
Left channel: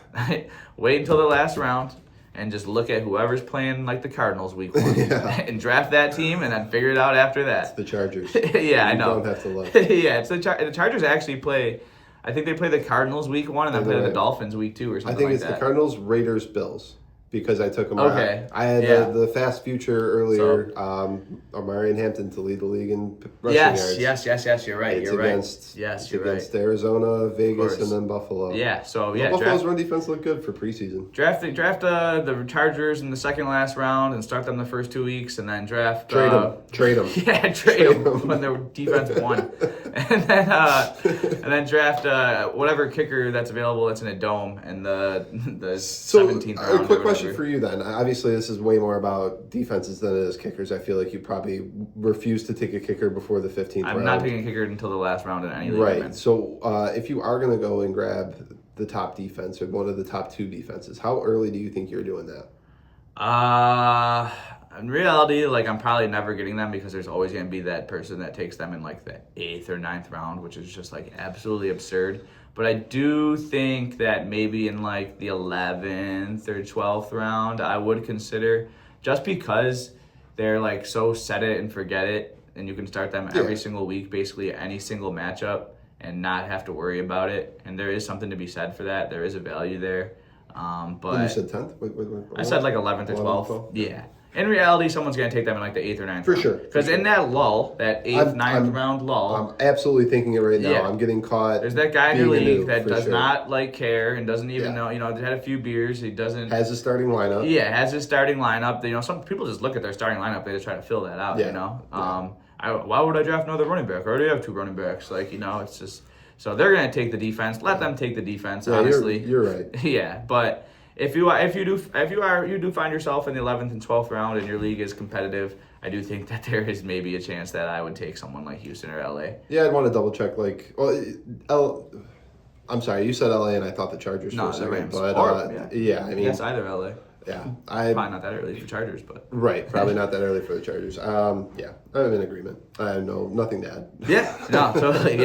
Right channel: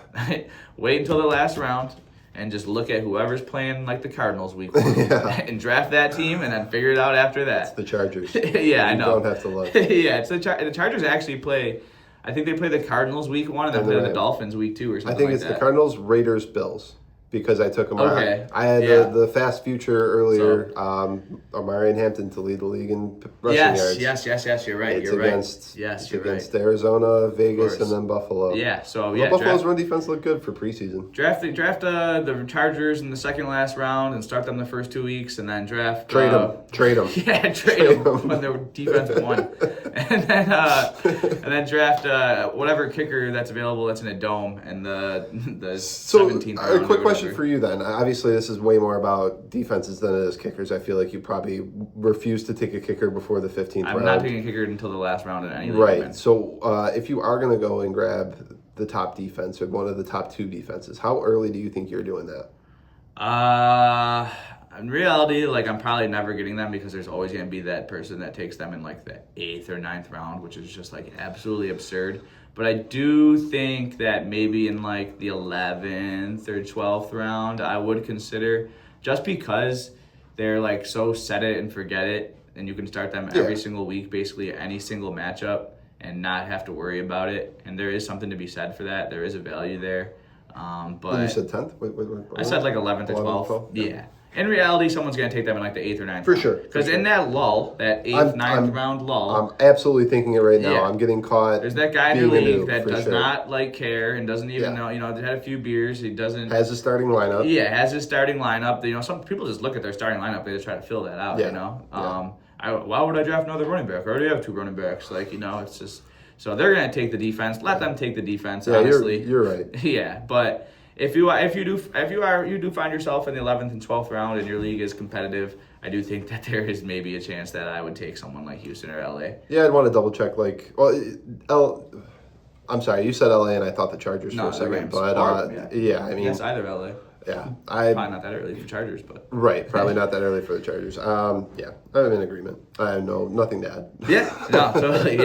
Wait until the last round and just look at whoever's playing like the Cardinals week 1 and draft that team and then figure it out after that. It's the Chargers. Yeah, I know. You don't have to look. Yeah, it's the Chargers actually play. I think they play the Cardinals week 1 and then play the Dolphins week 2 or something like that. I think it's the Cardinals, Raiders, Bills. Because I took him okay. I had the fast future earlier, Omarion Hampton to lead the league in rushing yards. Yes, you're right. It's you're against, right. Yes, it's you're against right. Arizona, Vegas, and then Buffalo. Yeah, so Buffalo's run defense looked good for preseason. Draft the Chargers in the second last round and start them the first 2 weeks, and then draft Trade them. Yeah, trade them when their defense won, and then draft whatever kicker that's available that's in a dome and the 17th round. A quick question for you then. Obviously, this is way more about defenses than it is kickers. I feel like you probably refuse to take a kicker before the 15th round. I'm not taking a kicker until the last round in any league. Right. So if you are going to go and grab the top defense or one of the top 2 defenses, how early do you think you're doing that? In reality, like, I'm probably never getting them because there's always going to be that person that takes them in like the 8th or 9th round, which is just like absolutely absurd. But I do think that maybe in like the 11th or 12th round, I would consider, just because they're like so set it and forget it, and you can start them every single week, basically any single matchup, and not have to worry about it. And there is something to be said for that. There is a value there. But you said 10th? I said like 11th or 12th. Yeah. In reality, someone's going to take them in like the 8th or 9th round. For sure. Because in that lull, that 8th, 9th round lull. I'm absolutely thinking it right now. Yeah. I'm getting caught. There's that guy in your league that does not like care and doesn't even know, had a few beers. He doesn't. Has a starting lineup. Yeah, has his starting lineup. Some people just look at their starting lineup. They just try to fill that out, why would I draft another running back? I already have 2 running backs. It's just. So they're going to take the defense. Let them take the defense, honestly. You're right. Yeah, but. If you do find yourself in the 11th and 12th round and your league is competitive, I do think that there is maybe a chance that I would take someone like Houston or LA. Yeah, I'd want to double check. I'm sorry, you said LA and I thought the Chargers for a second. Rams. But I mean, yes, either LA. Yeah, probably not that early for Chargers, but right, probably not that early for the Chargers. I'm in agreement. I have nothing to add. Yeah, no, totally.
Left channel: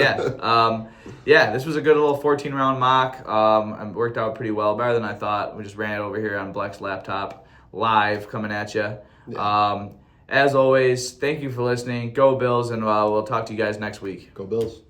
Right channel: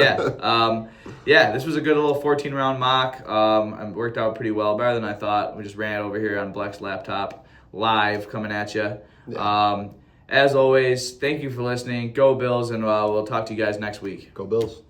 Yeah, this was a good little 14-round mock. It worked out pretty well, better than I thought. We just ran it over here on Bleck's laptop, live, coming at you. Yeah. As always, thank you for listening. Go Bills, and we'll talk to you guys next week. Go Bills.